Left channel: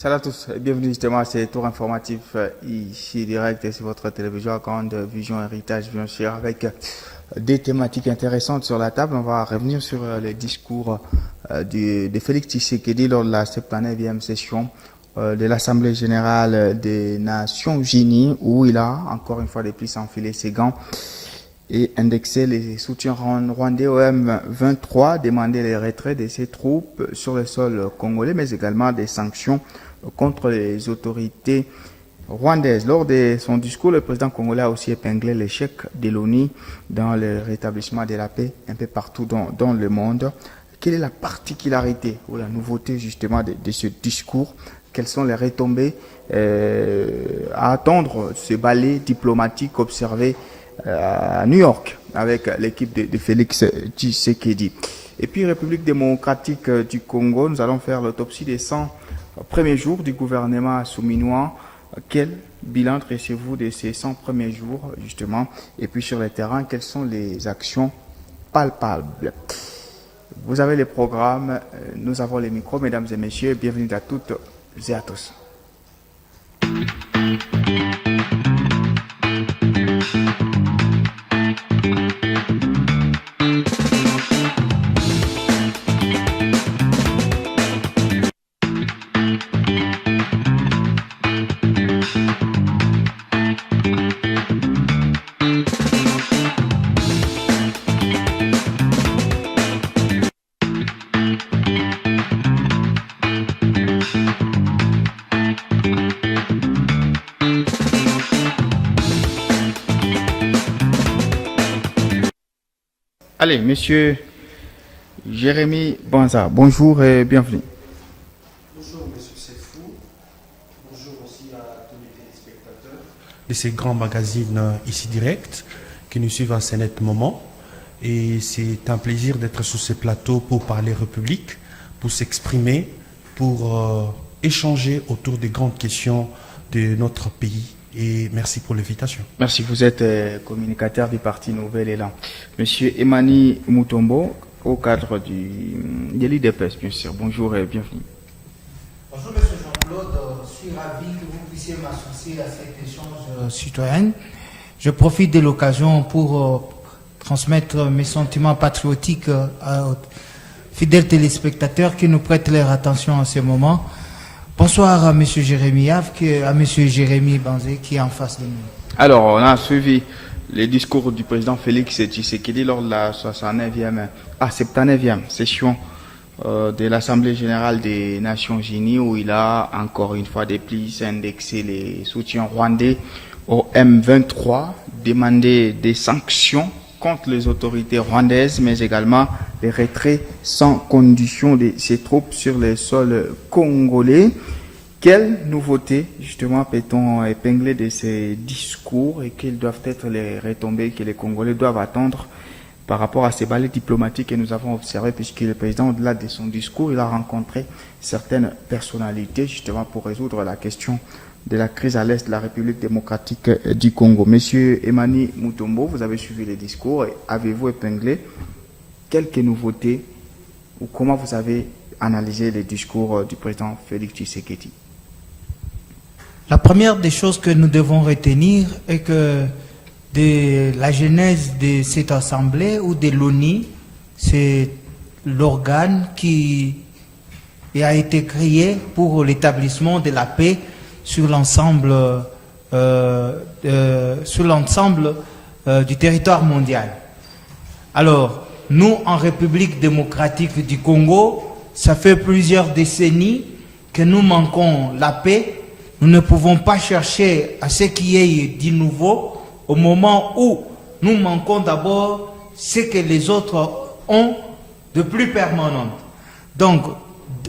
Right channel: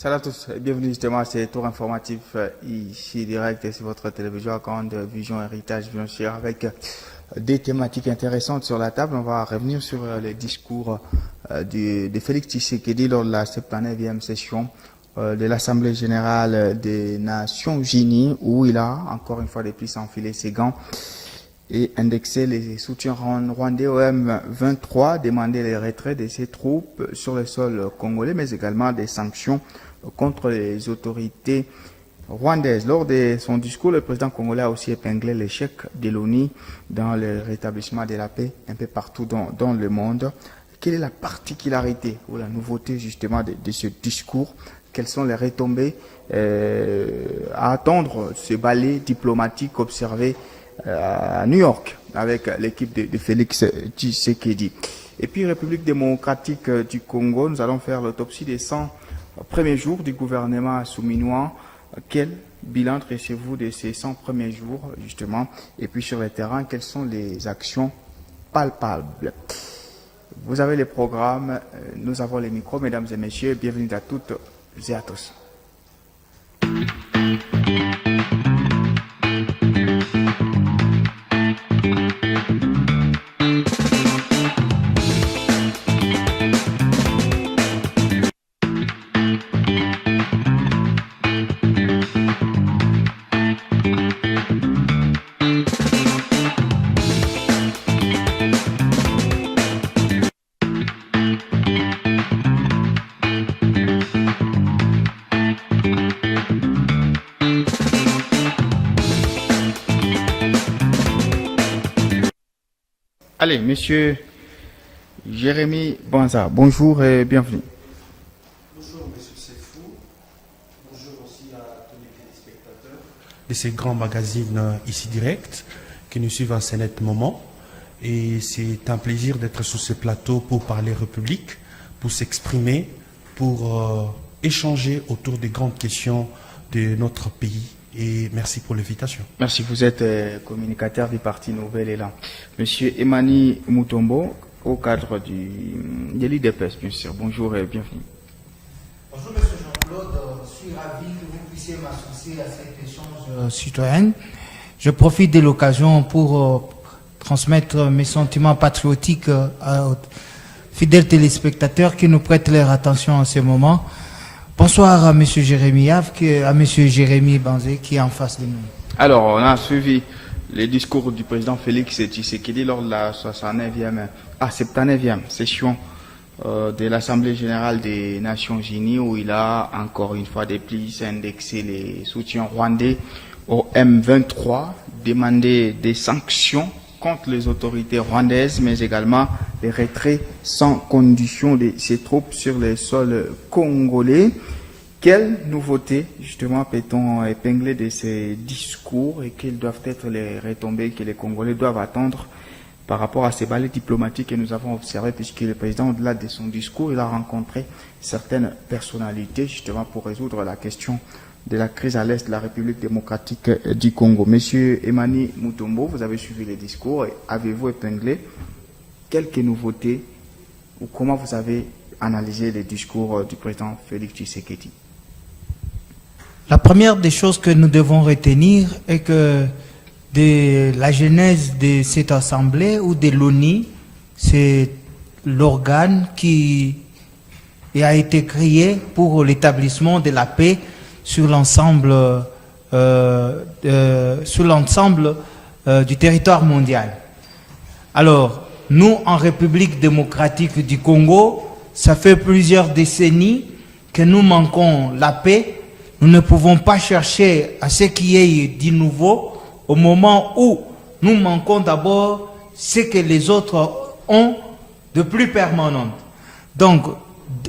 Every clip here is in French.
Salut à tous et bienvenue justement à ce tour informatif ici direct et sur votre télévision Grande Vision Héritage bien sûr avec des thématiques intéressantes sur la table. On va revenir sur les discours de Félix Tshisekedi lors de la 79e session de l'Assemblée Générale des Nations Unies où il a encore une fois de plus enfilé ses gants et indexé les soutiens rwandais au M23, demandé les retraits de ses troupes sur le sol congolais mais également des sanctions contre les autorités rwandaises. Lors de son discours, le président congolais a aussi épinglé l'échec de l'ONU dans le rétablissement de la paix un peu partout dans le monde. Quelle est la particularité ou la nouveauté justement de ce discours? Quelles sont les retombées à attendre ce ballet diplomatique observé à New York avec l'équipe de Félix Tshisekedi? Et puis, République démocratique du Congo, nous allons faire l'autopsie des 100 premiers jours du gouvernement souminois. Quel bilan dressez-vous de ces 100 premiers jours, justement? Et puis sur le terrain, quelles sont les actions palpables? Vous avez les programmes, nous avons les micros, mesdames et messieurs. Bienvenue à toutes et à tous. Allez, monsieur Jérémy Banza, bonjour et bienvenue. Bonjour, monsieur Sefou. Bonjour aussi à tous les téléspectateurs de ces grands magazines ici direct qui nous suivent en ce net moment. Et c'est un plaisir d'être sur ce plateau pour parler République, pour s'exprimer, pour échanger autour des grandes questions de notre pays. Et merci pour l'invitation. Merci, vous êtes communicateur du Parti Nouvel Élan. Monsieur Emani Mutombo, au cadre de l'IDPS, bien sûr. Bonjour et bienvenue. Bonjour, monsieur Jean-Claude. Je suis ravi que vous puissiez m'associer à cet échange citoyen. Je profite de l'occasion pour transmettre mes sentiments patriotiques aux fidèles téléspectateurs qui nous prêtent leur attention en ce moment. Bonsoir à M. Jérémy Av, à M. Jérémy Banzé qui est en face de nous. Alors, on a suivi les discours du président Félix Tshisekedi lors de la 79e session de l'Assemblée Générale des Nations Unies où il a encore une fois de plus indexé les soutiens rwandais au M23, demandé des sanctions contre les autorités rwandaises, mais également les retraits sans condition de ces troupes sur le sol congolais. Quelle nouveauté, justement, peut-on épingler de ces discours et quelles doivent être les retombées que les Congolais doivent attendre par rapport à ces balais diplomatiques que nous avons observés, puisque le président, au-delà de son discours, il a rencontré certaines personnalités, justement, pour résoudre la question de la crise à l'est de la République démocratique du Congo. Monsieur Emani Mutombo, vous avez suivi les discours et avez-vous épinglé quelques nouveautés ou comment vous avez analysé les discours du président Félix Tshisekedi? La première des choses que nous devons retenir est que de la genèse de cette assemblée ou de l'ONU, c'est l'organe qui a été créé pour l'établissement de la paix sur l'ensemble du territoire mondial. Alors, nous, en République démocratique du Congo, ça fait plusieurs décennies que nous manquons la paix. Nous ne pouvons pas chercher à ce qui est du nouveau au moment où nous manquons d'abord ce que les autres ont de plus permanent. Donc,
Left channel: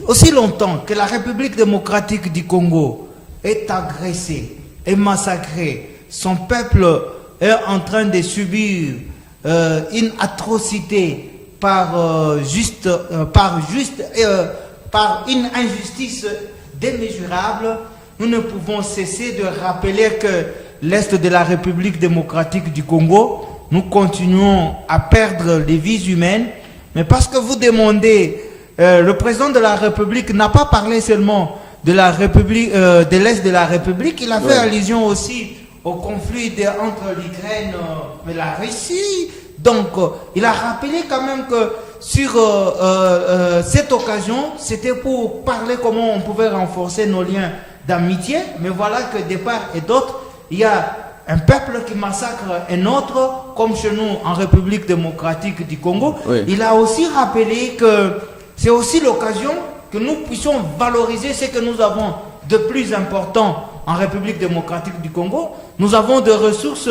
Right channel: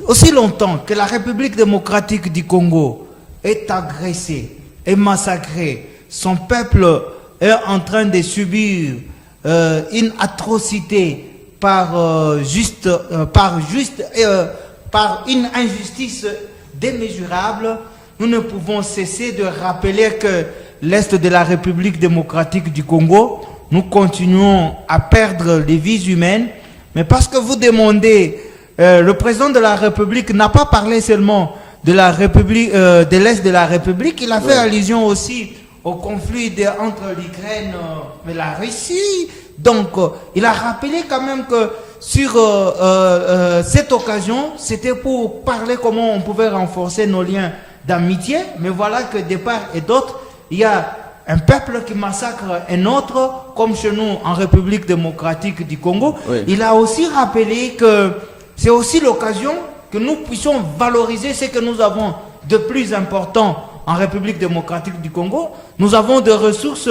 aussi longtemps que la République démocratique du Congo est agressé, est massacré, son peuple est en train de subir une atrocité par une injustice démesurable, nous ne pouvons cesser de rappeler que l'Est de la République démocratique du Congo, nous continuons à perdre les vies humaines, mais parce que vous demandez, le président de la République n'a pas parlé seulement de la République, de l'Est de la République. Il a fait allusion aussi au conflit entre l'Ukraine et la Russie. Donc, il a rappelé quand même que sur cette occasion, c'était pour parler comment on pouvait renforcer nos liens d'amitié. Mais voilà que de part et d'autre, il y a un peuple qui massacre un autre, comme chez nous en République démocratique du Congo. Oui. Il a aussi rappelé que c'est aussi l'occasion que nous puissions valoriser ce que nous avons de plus important en République démocratique du Congo. Nous avons des ressources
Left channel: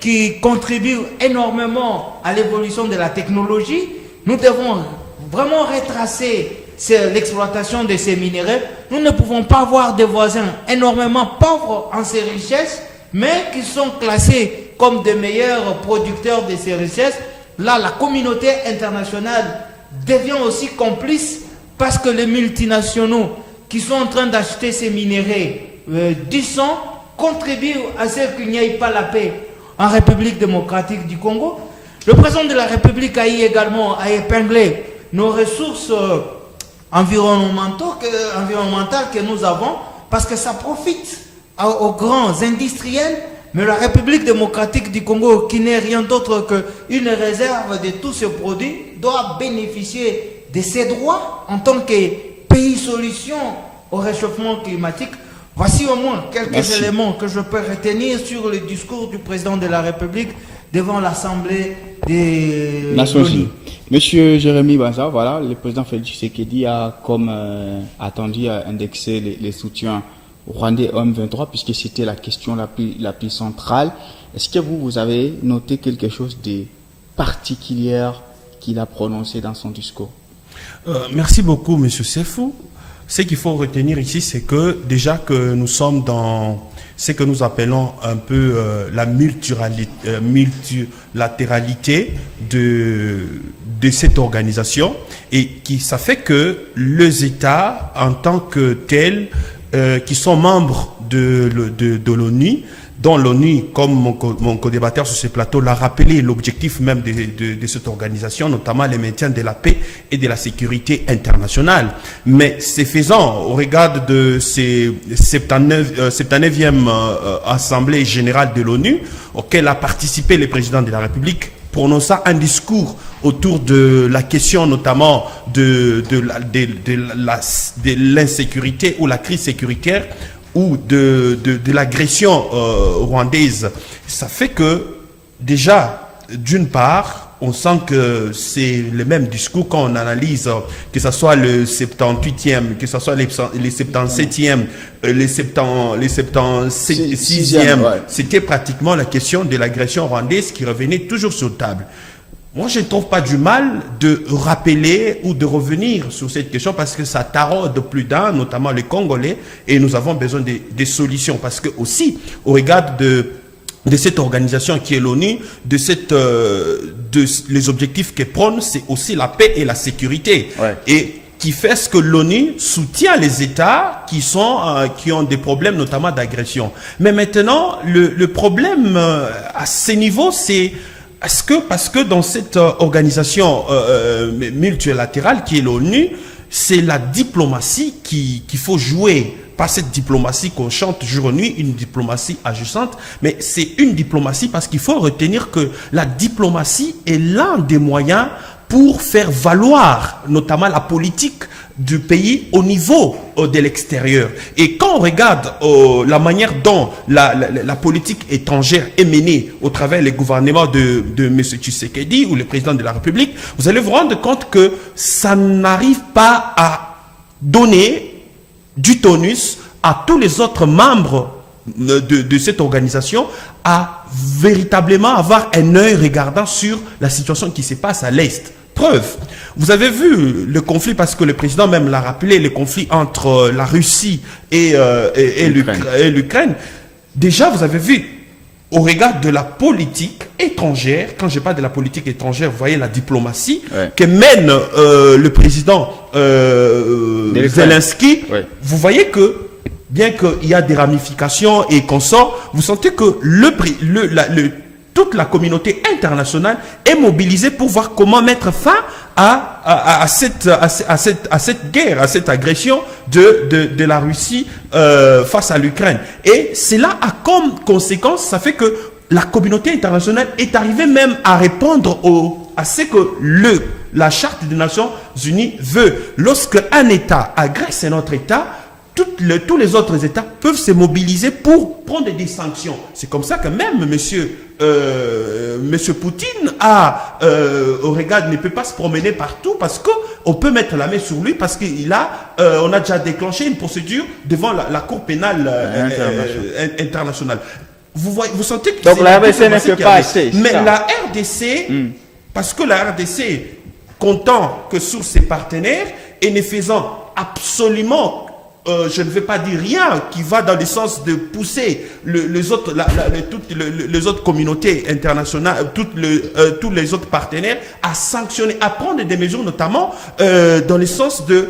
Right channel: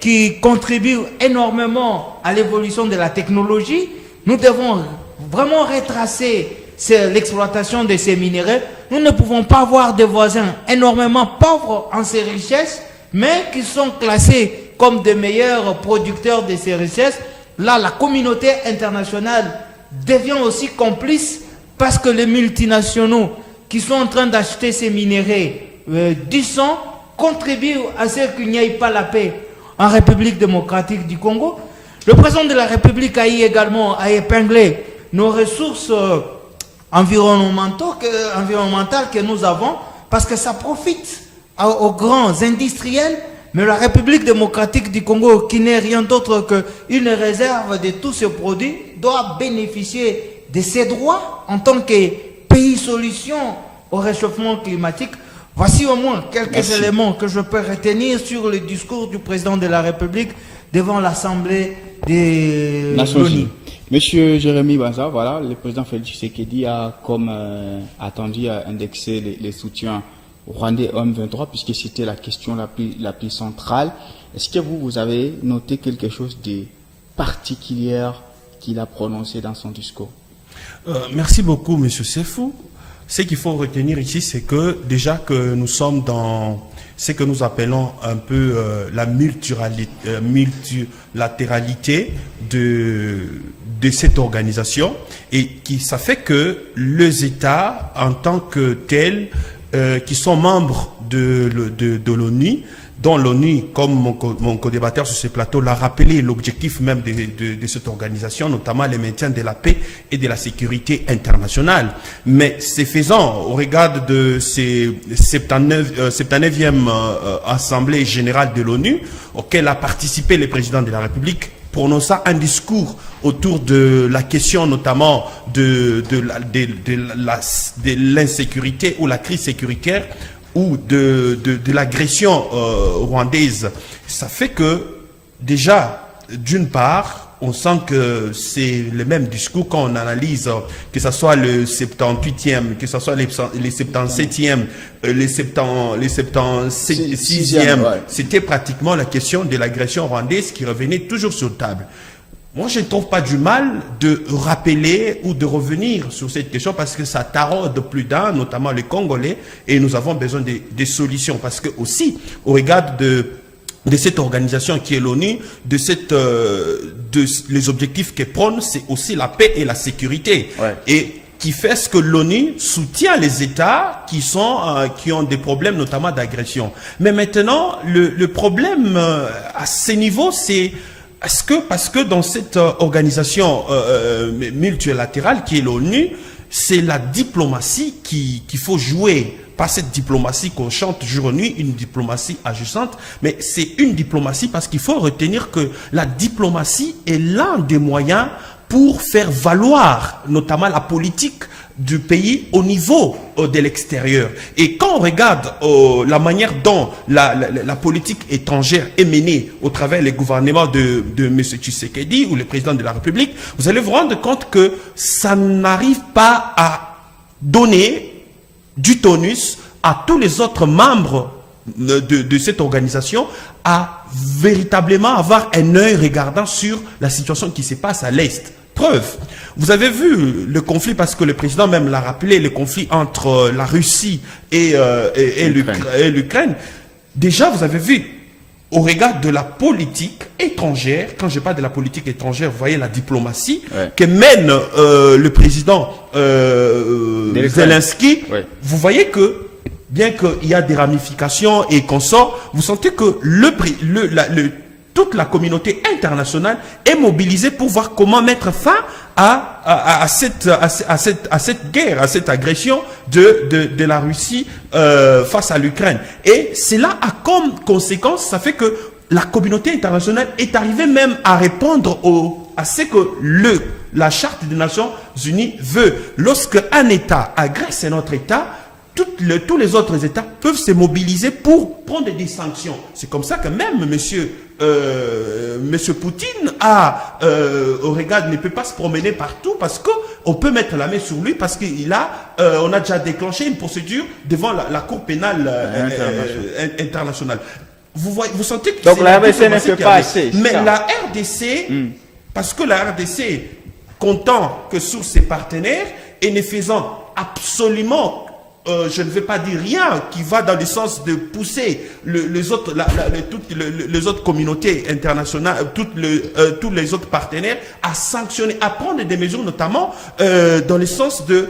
qui contribuent énormément à l'évolution de la technologie. Nous devons vraiment retracer l'exploitation de ces minéraux. Nous ne pouvons pas avoir des voisins énormément pauvres en ces richesses, mais qui sont classés comme des meilleurs producteurs de ces richesses. Là, la communauté internationale devient aussi complice parce que les multinationaux qui sont en train d'acheter ces minéraux du sang contribuent à ce qu'il n'y ait pas la paix en République démocratique du Congo. Le président de la République a également épinglé nos ressources environnementales que nous avons, parce que ça profite aux grands industriels, mais la République démocratique du Congo, qui n'est rien d'autre qu'une réserve de tous ces produits, doit bénéficier de ses droits en tant que pays solution au réchauffement climatique. Voici au moins quelques éléments que je peux retenir sur le discours du président de la République devant l'Assemblée des Nations Unies. Monsieur Jérémy Banza, voilà, le président Félix Tshisekedi a, comme attendu, indexé les soutiens rwandais au M23, puisque c'était la question la plus centrale. Est-ce que vous avez noté quelque chose de particulier qu'il a prononcé dans son discours? Merci beaucoup, monsieur Sefou. Ce qu'il faut retenir ici, c'est que déjà que nous sommes dans ce que nous appelons un peu la multilatéralité de cette organisation, et ça fait que les États en tant que tels qui sont membres de l'ONU, dont l'ONU, comme mon co-débatteur sur ce plateau l'a rappelé, l'objectif même de cette organisation, notamment le maintien de la paix et de la sécurité internationale. Mais c'est faisant, au regard de ces 79e Assemblée générale de l'ONU, auquel a participé le président de la République, prononçant un discours autour de la question notamment de l'insécurité ou la crise sécuritaire, ou de l'agression rwandaise. Ça fait que, déjà, d'une part, on sent que c'est le même discours quand on analyse, que ce soit le 78e, que ce soit les 77e, les 76e, c'était pratiquement la question de l'agression rwandaise qui revenait toujours sur la table. Moi, je ne trouve pas du mal de rappeler ou de revenir sur cette question, parce que ça taraude plus d'un, notamment les Congolais, et nous avons besoin des solutions. Parce que aussi, au regard de cette organisation qui est l'ONU, les objectifs qu'elle prône, c'est aussi la paix et la sécurité. Ouais. Et qui fait ce que l'ONU soutient les États qui ont des problèmes, notamment d'agression. Mais maintenant, le problème à ce niveau, c'est parce que dans cette organisation multilatérale qui est l'ONU, c'est la diplomatie qu'il faut jouer. Pas cette diplomatie qu'on chante jour et nuit, une diplomatie agissante, mais c'est une diplomatie parce qu'il faut retenir que la diplomatie est l'un des moyens pour faire valoir notamment la politique du pays au niveau de l'extérieur. Et quand on regarde la manière dont la politique étrangère est menée au travers des gouvernements de M. Tshisekedi ou le président de la République, vous allez vous rendre compte que ça n'arrive pas à donner du tonus à tous les autres membres de cette organisation à véritablement avoir un œil regardant sur la situation qui se passe à l'Est. Preuve, vous avez vu le conflit, parce que le président même l'a rappelé, le conflit entre la Russie et l'Ukraine. Déjà, vous avez vu, au regard de la politique étrangère, quand je parle de la politique étrangère, vous voyez la diplomatie que mène le président Zelensky, vous voyez que, bien qu'il y a des ramifications et qu'on sort, vous sentez que toute la communauté internationale est mobilisée pour voir comment mettre fin à cette guerre, à cette agression de la Russie face à l'Ukraine. Et cela a comme conséquence, ça fait que la communauté internationale est arrivée même à répondre à ce que la Charte des Nations Unies veut. Lorsque un État agresse un autre État, tous les autres États peuvent se mobiliser pour prendre des sanctions. C'est comme ça que même monsieur Poutine ne peut pas se promener partout parce qu'on peut mettre la main sur lui parce on a déjà déclenché une procédure devant la Cour pénale internationale. Vous sentez que donc la RDC ne fait pas assez. Mais la RDC, parce que la RDC, comptant que sur ses partenaires et ne faisant absolument je ne vais pas dire rien qui va dans le sens de pousser les autres communautés internationales, tous les autres partenaires à sanctionner, à prendre des mesures notamment dans le sens de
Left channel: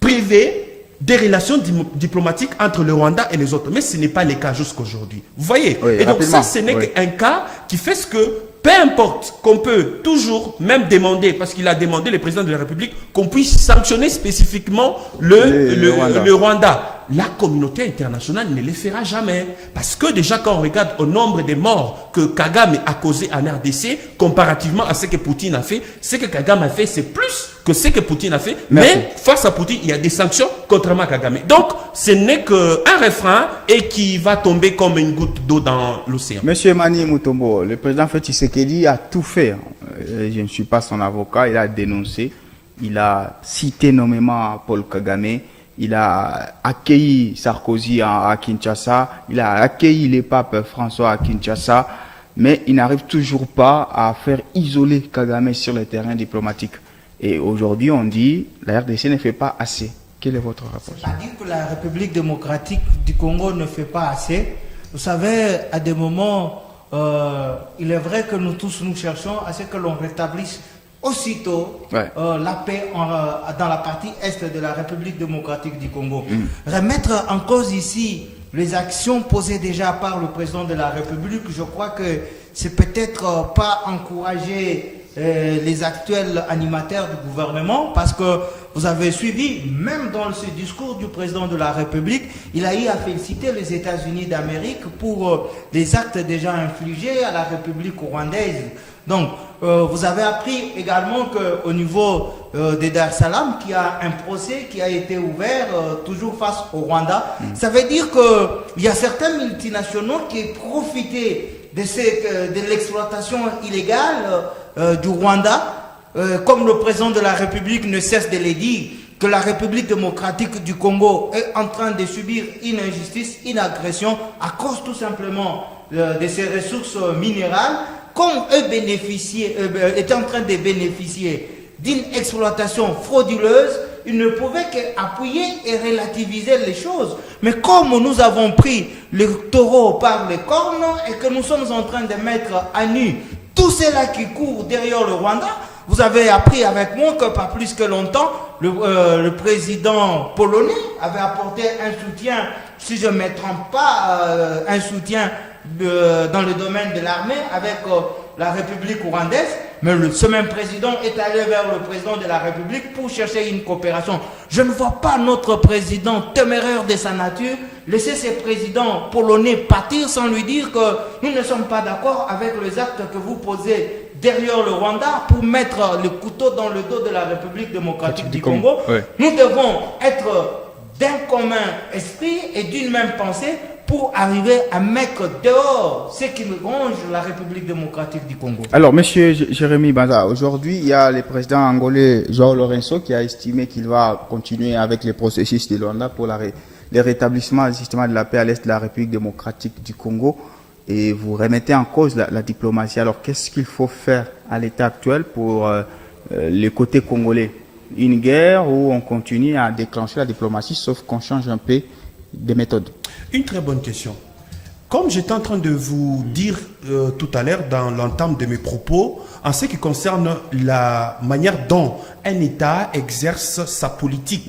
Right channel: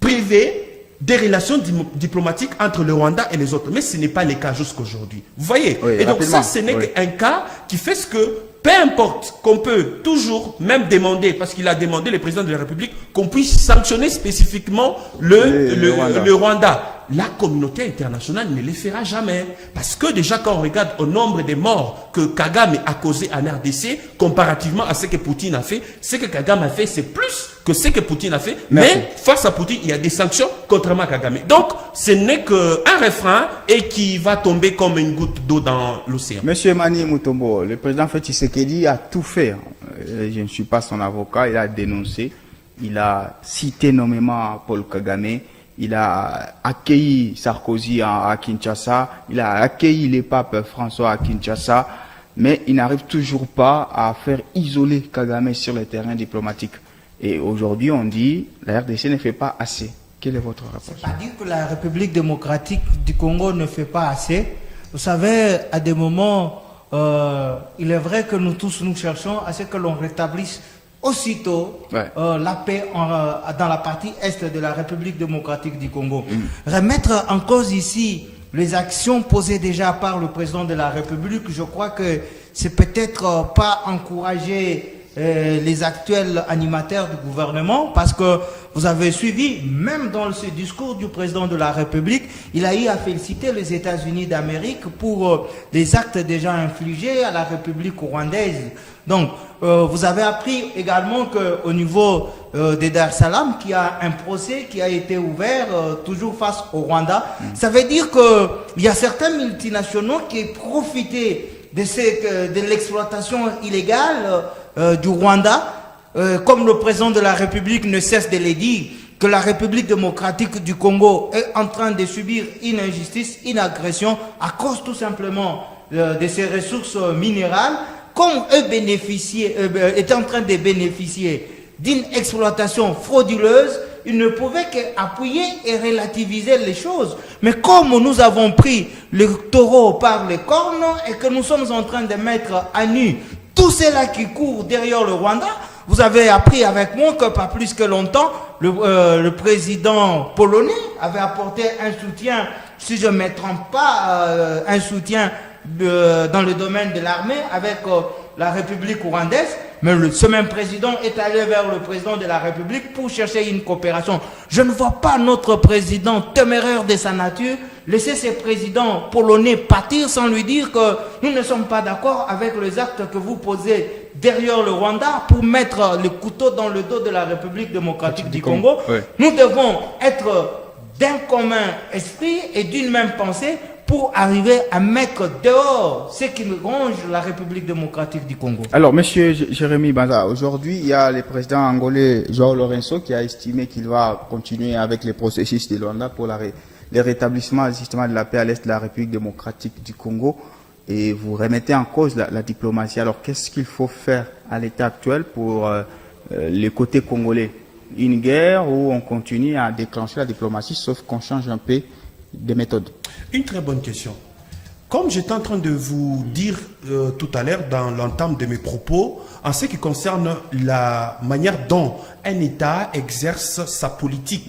priver des relations diplomatiques entre le Rwanda et les autres. Mais ce n'est pas le cas jusqu'aujourd'hui. Vous voyez? Oui, et donc ça, ce n'est qu'un cas qui fait ce que peu importe qu'on peut toujours même demander, parce qu'il a demandé, le président de la République, qu'on puisse sanctionner spécifiquement le Rwanda. La communauté internationale ne le fera jamais. Parce que déjà quand on regarde au nombre de morts que Kagame a causé en RDC, comparativement à ce que Poutine a fait, ce que Kagame a fait, c'est plus que ce que Poutine a fait. Merci. Mais face à Poutine, il y a des sanctions contrairement à Kagame. Donc, ce n'est qu'un refrain et qui va tomber comme une goutte d'eau dans l'océan. Monsieur Mani Mutombo, le président Félix Tshisekedi a tout fait. Je ne suis pas son avocat, il a dénoncé. Il a cité nommément Paul Kagame. Il a accueilli Sarkozy à Kinshasa. Il a accueilli les papes François à Kinshasa. Mais il n'arrive toujours pas à faire isoler Kagame sur le terrain diplomatique. Et aujourd'hui, on dit la RDC ne fait pas assez. Quelle est votre réponse? C'est-à-dire que la République démocratique du Congo ne fait pas assez. Vous savez, à des moments, il est vrai que nous tous, nous cherchons à ce que l'on rétablisse aussitôt la paix dans la partie est de la République démocratique du Congo. Remettre en cause ici les actions posées déjà par le président de la République, je crois que c'est peut-être pas encourager les actuels animateurs du gouvernement, parce que vous avez suivi, même dans ce discours du président de la République, il a eu à féliciter les États-Unis d'Amérique pour les actes déjà infligés à la République rwandaise. Donc, vous avez appris également qu'au niveau de Dar es Salaam, qu'il y a un procès qui a été ouvert toujours face au Rwanda. Ça veut dire qu'il y a certains multinationaux qui profitaient de l'exploitation illégale du Rwanda, comme le président de la République ne cesse de le dire, que la République démocratique du Congo est en train de subir une injustice, une agression, à cause tout simplement de ses ressources minérales, comme eux étaient en train de bénéficier d'une exploitation frauduleuse, ils ne pouvaient qu'appuyer et relativiser les choses. Mais comme nous avons pris le taureau par les cornes et que nous sommes en train de mettre à nu tous ceux-là qui courent derrière le Rwanda, vous avez appris avec moi que pas plus que longtemps, le président polonais avait apporté un soutien, si je ne me trompe pas, un soutien dans le domaine de l'armée avec la République rwandaise, mais ce même président est allé vers le président de la République pour chercher une coopération. Je ne vois pas notre président téméraire de sa nature laisser ce président polonais partir sans lui dire que nous ne sommes pas d'accord avec les actes que vous posez derrière le Rwanda pour mettre le couteau dans le dos de la République démocratique du Congo. Nous devons être d'un commun esprit et d'une même pensée pour arriver à mettre dehors ce qui ronge la République démocratique du Congo. Alors, monsieur Jérémy Banza, aujourd'hui, il y a le président angolais João Lourenço qui a estimé qu'il va continuer avec les processus de Luanda pour le rétablissement justement de la paix à l'est de la République démocratique du Congo. Et vous remettez en cause la diplomatie. Alors, qu'est-ce qu'il faut faire à l'état actuel pour le côté congolais? Une guerre où on continue à déclencher la diplomatie, sauf qu'on change un peu de méthode? Une très bonne question. Comme j'étais en train de vous dire tout à l'heure dans l'entame de mes propos, en ce qui concerne la manière dont un État exerce sa politique,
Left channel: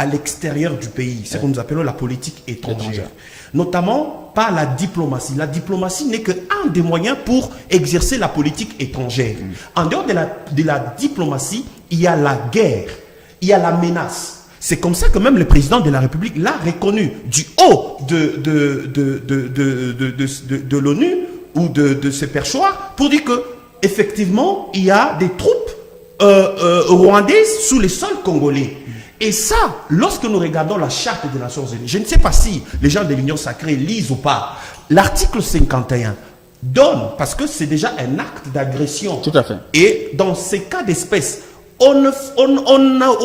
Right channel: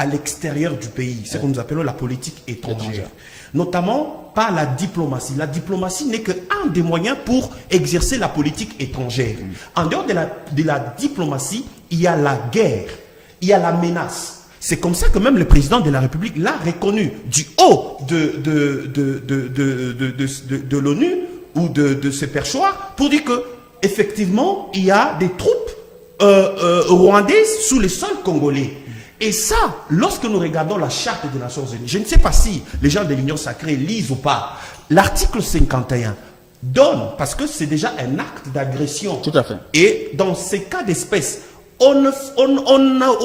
à l'extérieur du pays, ce que nous appelons la politique étrangère, notamment par la diplomatie. La diplomatie n'est qu'un des moyens pour exercer la politique étrangère. En dehors de la diplomatie, il y a la guerre, il y a la menace. C'est comme ça que même le président de la République l'a reconnu du haut de l'ONU ou de ses perchoirs pour dire que effectivement il y a des troupes rwandaises sous le sol congolais. Et ça, lorsque nous regardons la charte des Nations Unies, je ne sais pas si les gens de l'Union sacrée lisent ou pas, l'article 51 donne, parce que c'est déjà un acte d'agression. Tout à fait. Et dans ces cas d'espèce, on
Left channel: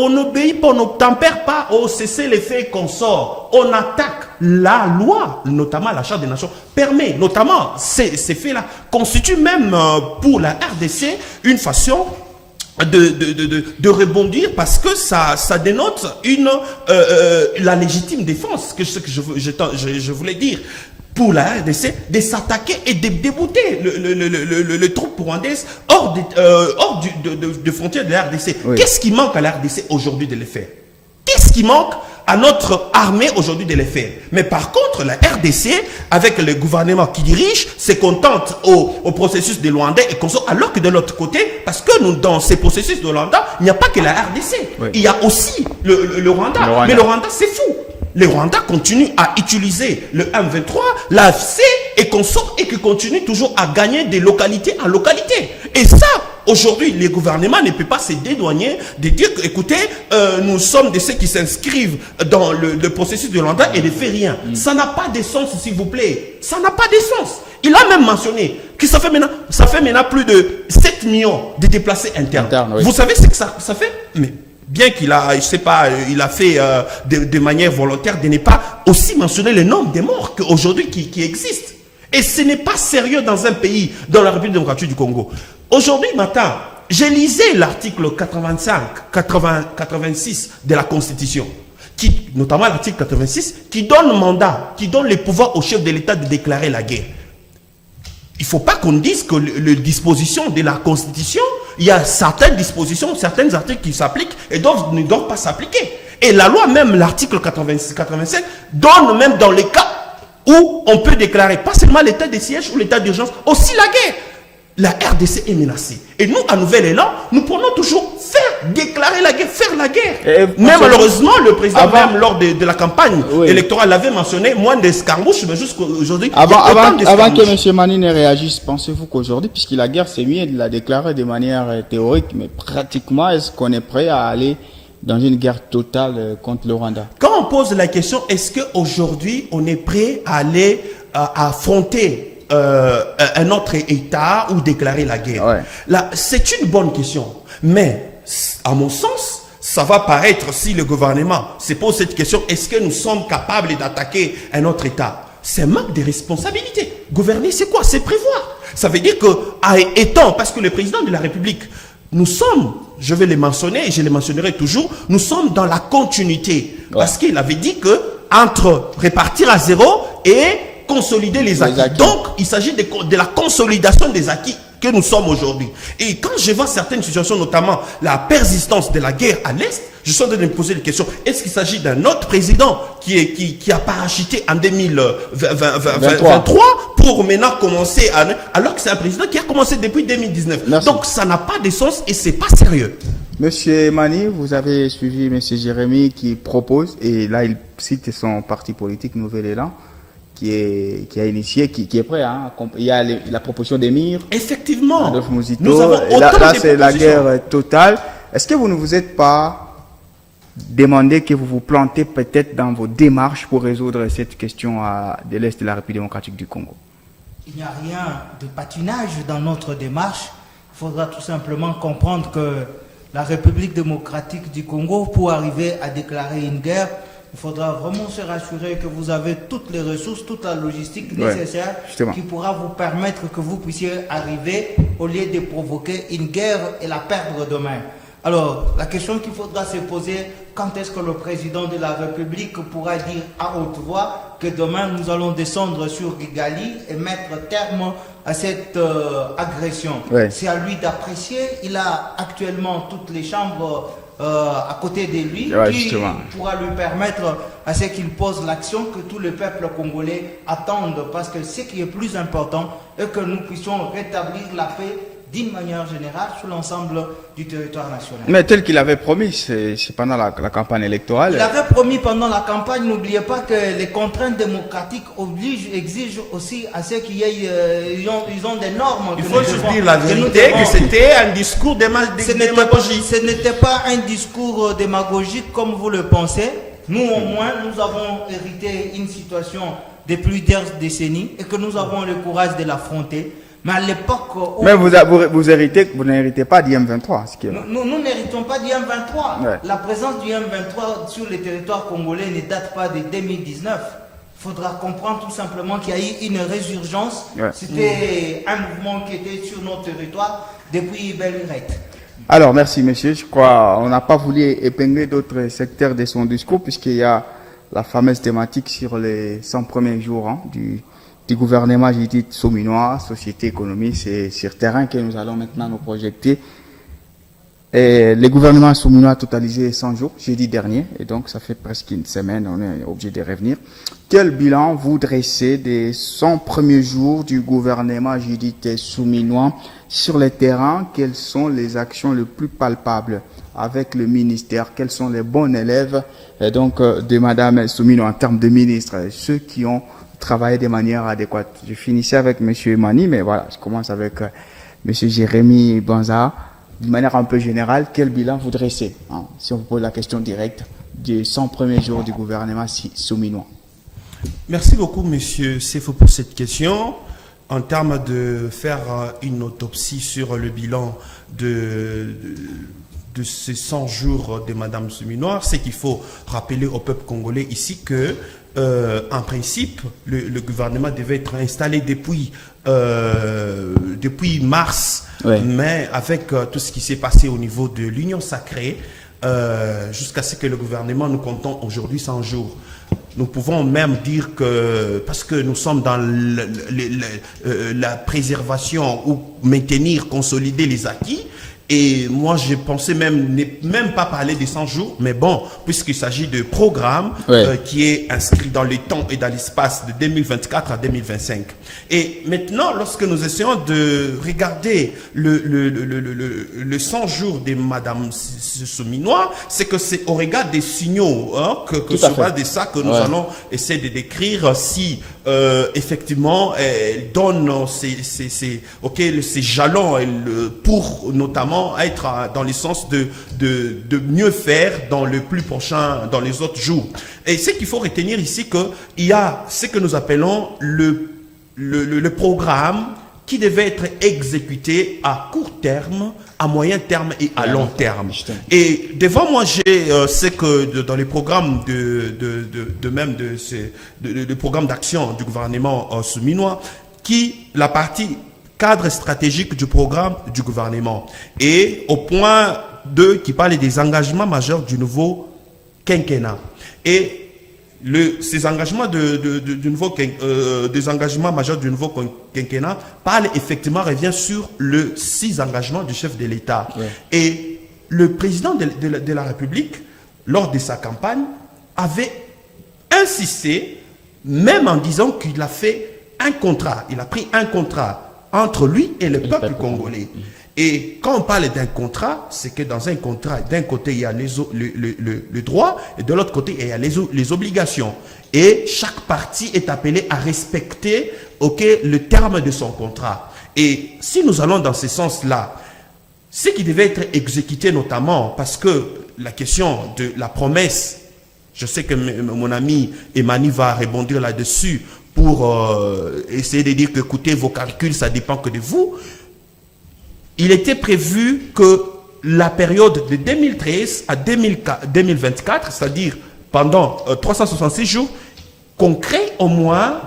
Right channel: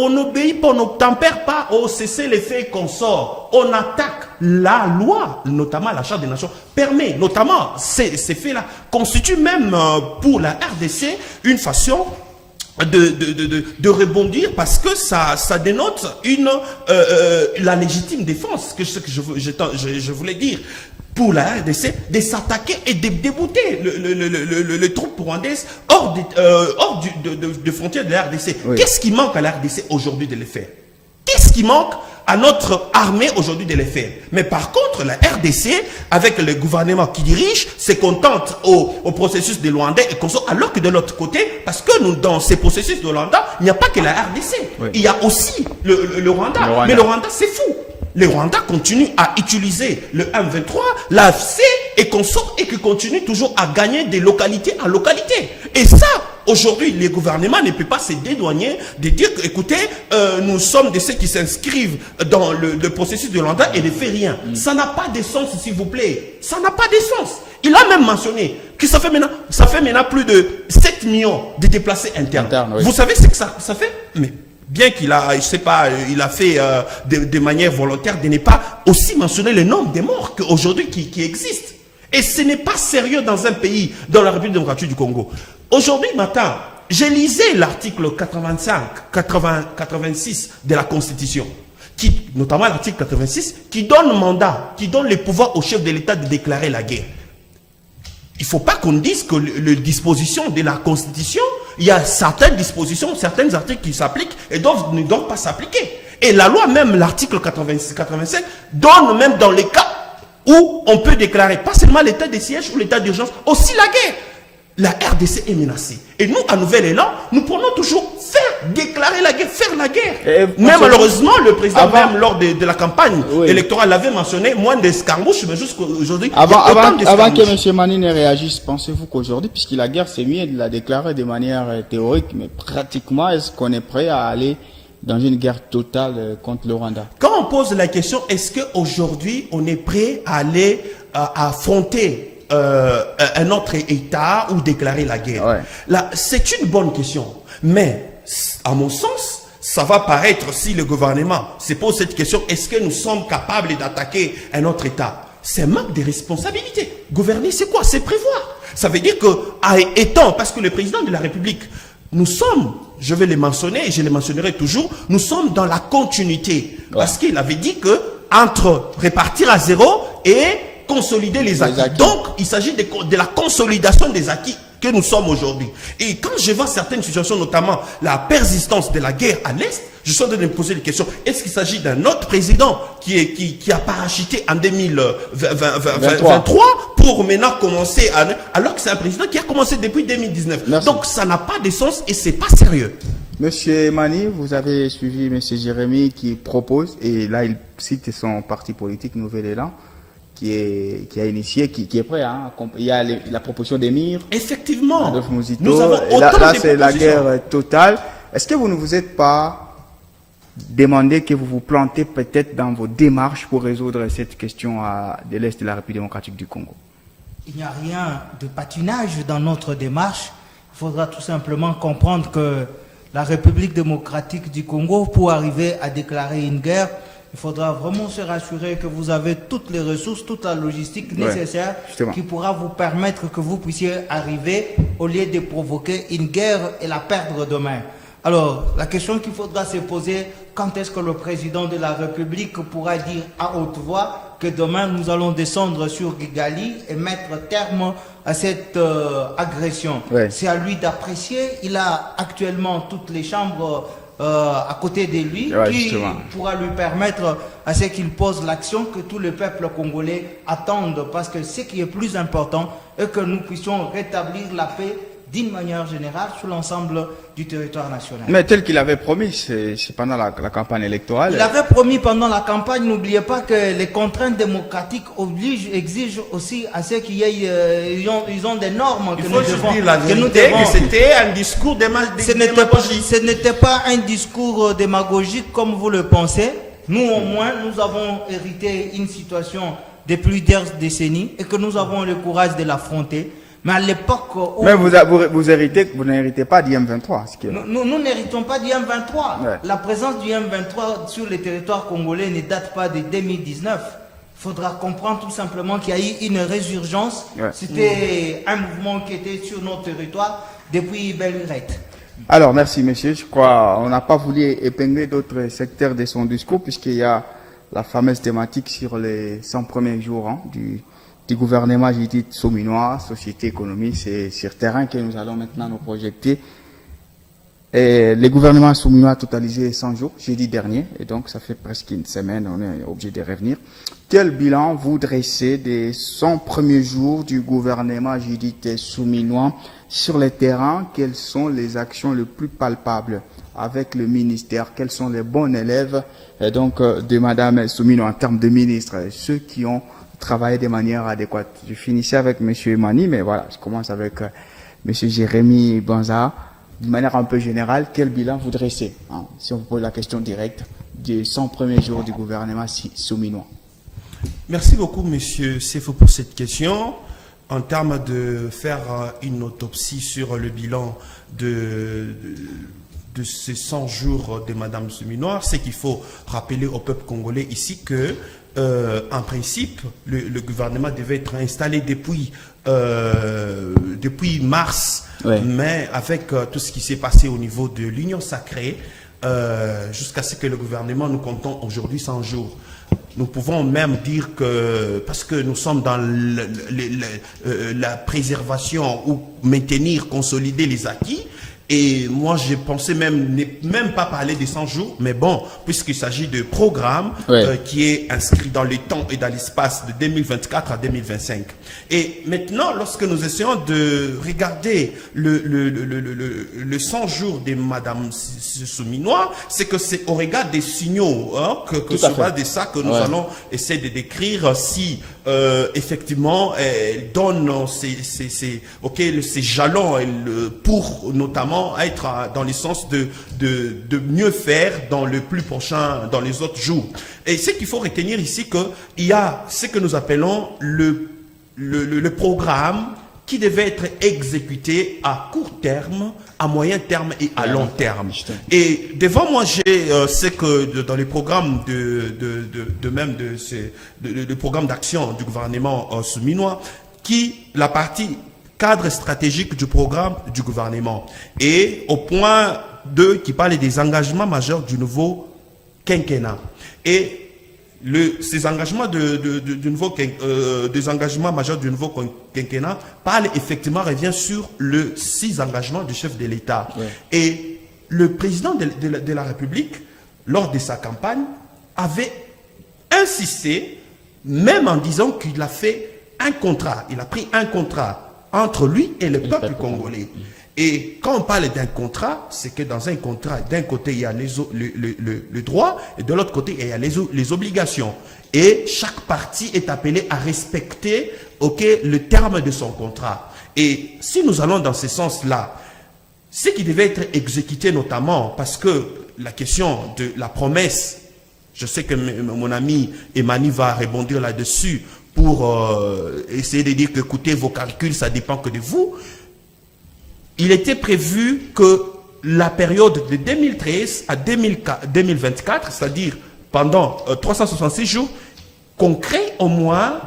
n'obéit pas, on n'obtempère pas au cessez-le-feu qu'on sort. On attaque la loi, notamment la Charte des Nations, permet, notamment ces faits-là, constituent même pour la RDC une façon de rebondir parce que ça dénote la légitime défense, que ce que je voulais dire. Pour la RDC, de s'attaquer et de débouter le troupe rwandaises hors de frontières de la RDC. Oui. Qu'est-ce qui manque à la RDC aujourd'hui de les faire? Qu'est-ce qui manque à notre armée aujourd'hui de les faire? Mais par contre, la RDC, avec le gouvernement qui dirige, se contente au processus de Luanda et consort, alors que de l'autre côté, parce que nous, dans ces processus de Luanda, il n'y a pas que la RDC. Oui. Il y a aussi le Rwanda. Mais le Rwanda, c'est fou. Le Rwanda continue à utiliser le M23, l'AFC et consort et qui continue toujours à gagner de localité en localité. Et ça, aujourd'hui, les gouvernements ne peuvent pas se dédouaner de dire que, écoutez, nous sommes de ceux qui s'inscrivent dans le processus de Rwanda et ne fait rien. Ça n'a pas de sens, s'il vous plaît. Ça n'a pas de sens. Il a même mentionné que ça fait maintenant plus de 7 millions de déplacés internes. Oui. Vous savez ce que ça fait? Mais bien qu'il a, je sais pas, il a fait de manière volontaire de ne pas aussi mentionner le nombre de morts qu'aujourd'hui qui existent. Et ce n'est pas sérieux dans un pays, dans la République démocratique du Congo. Aujourd'hui matin, j'ai lisé l'article 86 de la Constitution, notamment l'article 86, qui donne mandat, qui donne les pouvoirs au chef de l'État de déclarer la guerre. Il ne faut pas qu'on dise que les dispositions de la Constitution, il y a certaines dispositions, certains articles qui s'appliquent et ne doivent pas s'appliquer. Et la loi, même l'article 85, donne même dans les cas où on peut déclarer pas seulement l'état de siège ou l'état d'urgence, aussi la guerre. La RDC est menacée. Et nous, à Nouvel-Élan, nous prenons toujours déclarer la guerre, faire la guerre. Mais malheureusement, le président, même lors de la campagne électorale, l'avait mentionné, moins d'escarmouches, mais jusqu'aujourd'hui. Avant que M. Mani ne réagisse, pensez-vous qu'aujourd'hui, puisque la guerre, c'est mieux de la déclarer de manière théorique, mais pratiquement, est-ce qu'on est prêt à aller dans une guerre totale contre le Rwanda? Quand on pose la question, est-ce qu'aujourd'hui, on est prêt à aller affronter un autre État ou déclarer la guerre? Là, c'est une bonne question. Mais, à mon sens, ça va paraître, si le gouvernement se pose cette question, est-ce que nous sommes capables d'attaquer un autre État? C'est un manque de responsabilité. Gouverner, c'est quoi? C'est prévoir. Ça veut dire que, étant, parce que le président de la République, nous sommes, je vais les mentionner et je les mentionnerai toujours, nous sommes dans la continuité. Parce qu'il avait dit que, entre répartir à zéro et consolider les acquis. Donc, il s'agit de la consolidation des acquis que nous sommes aujourd'hui. Et quand je vois certaines situations, notamment la persistance de la guerre à l'Est, je suis en train de me poser des questions. Est-ce qu'il s'agit d'un autre président qui a parachuté en 2023 pour maintenant commencer alors que c'est un président qui a commencé depuis 2019. Merci. Donc, ça n'a pas de sens et c'est pas sérieux. Monsieur Mani, vous avez suivi Monsieur Jérémy qui propose, et là il cite son parti politique Nouvel-Élan, qui a initié, qui est prêt. Il y a la proposition d'émir. Effectivement. Adolphe Mouzito. Et là c'est la guerre totale. Est-ce que vous ne vous êtes pas demandé que vous vous plantez peut-être dans vos démarches pour résoudre cette question de l'Est de la République démocratique du Congo? Il n'y a rien de patinage dans notre démarche. Il faudra tout simplement comprendre que la République démocratique du Congo, pour arriver à déclarer une guerre, il faudra vraiment se rassurer que vous avez toutes les ressources, toute la logistique nécessaire qui pourra vous permettre que vous puissiez arriver au lieu de provoquer une guerre et la perdre demain. Alors, la question qu'il faudra se poser, quand est-ce que le président de la République pourra dire à haute voix que demain nous allons descendre sur Kigali et mettre terme à cette agression? C'est à lui d'apprécier. Il a actuellement toutes les chambres à côté de lui, Ouais, qui justement. pourra lui permettre à ce qu'il pose l'action que tout le peuple congolais attende, parce que ce qui est plus important est que nous puissions rétablir la paix d'une manière générale sur l'ensemble du territoire national. Mais tel qu'il avait promis, c'est pendant la campagne électorale. Il avait promis pendant la campagne, n'oubliez pas que les contraintes démocratiques exigent aussi à ceux qui aient, ils ont des normes. Il que faut nous juste devons- dire la que nous vérité, devons- que c'était un discours démagogique. Ce n'était pas un discours démagogique comme vous le pensez. Nous, au moins, nous avons hérité une situation de plusieurs décennies et que nous avons le courage de l'affronter. Mais à l'époque où Mais vous n'héritez pas d'IM23. Ce qui est... nous n'héritons pas du M23. Ouais. La présence du M23 sur le territoire congolais ne date pas de 2019. Il faudra comprendre tout simplement qu'il y a eu une résurgence. Ouais. C'était un mouvement qui était sur notre territoire depuis belle lurette. Alors, merci, monsieur. Je crois on n'a pas voulu épingler d'autres secteurs de son discours, puisqu'il y a la fameuse thématique sur les 100 premiers jours du gouvernement Judith Souminois, société, économie. C'est sur terrain que nous allons maintenant nous projeter. Et le gouvernement Souminois a totalisé 100 jours, jeudi dernier, et donc ça fait presque une semaine, on est obligé de revenir. Quel bilan vous dressez des 100 premiers jours du gouvernement Judith Souminois sur le terrain? Quelles sont les actions les plus palpables avec le ministère? Quels sont les bons élèves et donc de Madame Souminois en termes de ministre, ceux qui ont travaillé de manière adéquate? Je finissais avec Monsieur Emani, mais voilà, je commence avec Monsieur Jérémy Banza. De manière un peu générale, quel bilan vous dressez, hein, si on vous pose la question directe, des 100 premiers jours du gouvernement Souminois? Merci beaucoup, monsieur Sefo, pour cette question. En termes de faire une autopsie sur le bilan de ces 100 jours de Madame Souminois, c'est qu'il faut rappeler au peuple congolais ici que, en principe, le gouvernement devait être installé depuis mars, Ouais. mais avec tout ce qui s'est passé au niveau de l'Union sacrée, jusqu'à ce que le gouvernement nous comptons aujourd'hui 100 jours. Nous pouvons même dire que, parce que nous sommes dans la préservation ou maintenir, consolider les acquis, et moi je pensais même pas parler des 100 jours, mais bon, puisqu'il s'agit de programme Ouais. qui est inscrit dans le temps et dans l'espace de 2024 à 2025. Et maintenant, lorsque nous essayons de regarder le 100 jours de Madame Souminois, c'est que c'est au regard des signaux que Tout à sera fait. de ça que nous Ouais. allons essayer de décrire si effectivement elle donne ces jalons pour notamment être dans le sens de mieux faire dans le plus prochain, dans les autres jours. Et ce qu'il faut retenir ici, qu'il y a ce que nous appelons le programme qui devait être exécuté à court terme, à moyen terme et à long terme. Et devant moi, j'ai ce que dans les programmes de programme d'action du gouvernement souminois, la partie cadre stratégique du programme du gouvernement. Et au point 2 qui parle des engagements majeurs du nouveau quinquennat. Et ces engagements des engagements majeurs du nouveau quinquennat revient sur le 6 engagements du chef de l'État. Ouais. Et le président de la République, lors de sa campagne, avait insisté, même en disant qu'il a fait un contrat, il a pris un contrat entre lui et le peuple congolais. Et quand on parle d'un contrat, c'est que dans un contrat, d'un côté, il y a le droit, et de l'autre côté, il y a les obligations. Et chaque partie est appelée à respecter le terme de son contrat. Et si nous allons dans ce sens-là, ce qui devait être exécuté notamment, parce que la question de la promesse, je sais que mon ami Emani va rebondir là-dessus pour essayer de dire que, écoutez, vos calculs, ça dépend que de vous. Il était prévu que la période de 2013 à 2024, c'est-à-dire pendant 366 jours, qu'on crée au moins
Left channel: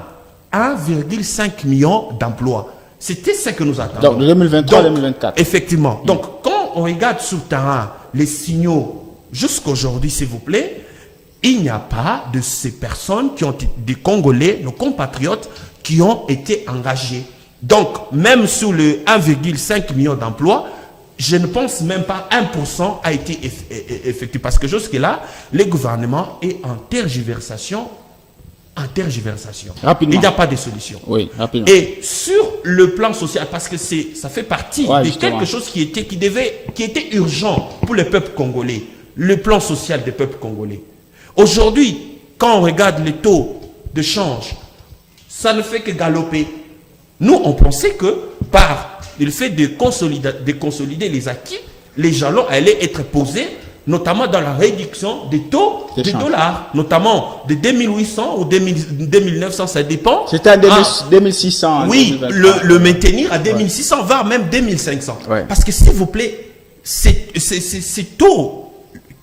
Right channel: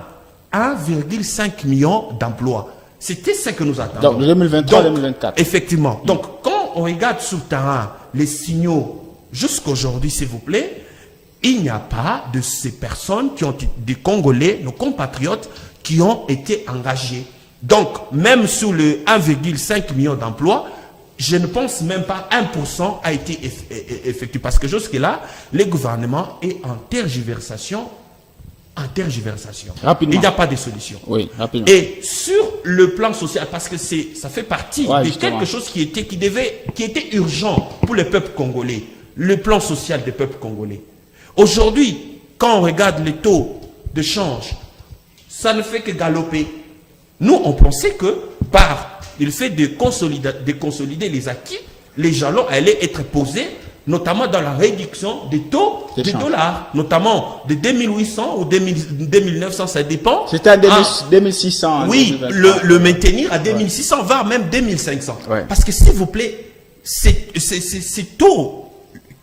1,5 million d'emplois. C'était ce que nous attendons. Donc, 2023-2024. Effectivement. Donc, quand on regarde sur le terrain les signaux jusqu'aujourd'hui, s'il vous plaît, il n'y a pas de ces personnes qui ont des Congolais, nos compatriotes, qui ont été engagés. Donc, même sous le 1,5 million d'emplois, je ne pense même pas 1% a été effectué. Parce que jusque-là, le gouvernement est en tergiversation. Rapidement. Il n'y a pas de solution. Oui, rapidement. Et sur le plan social, parce que ça fait partie de justement. quelque chose qui était urgent pour le peuple congolais, le plan social des peuples congolais. Aujourd'hui, quand on regarde le taux de change, ça ne fait que galoper. Nous, on pensait que par le fait de consolider les acquis, les jalons allaient être posés, notamment dans la réduction des taux des dollars, notamment de 2800 ou 2900, ça dépend. C'était à 2600. Oui, le maintenir à 2600, voire même 2500. Ouais. Parce que s'il vous plaît, ces taux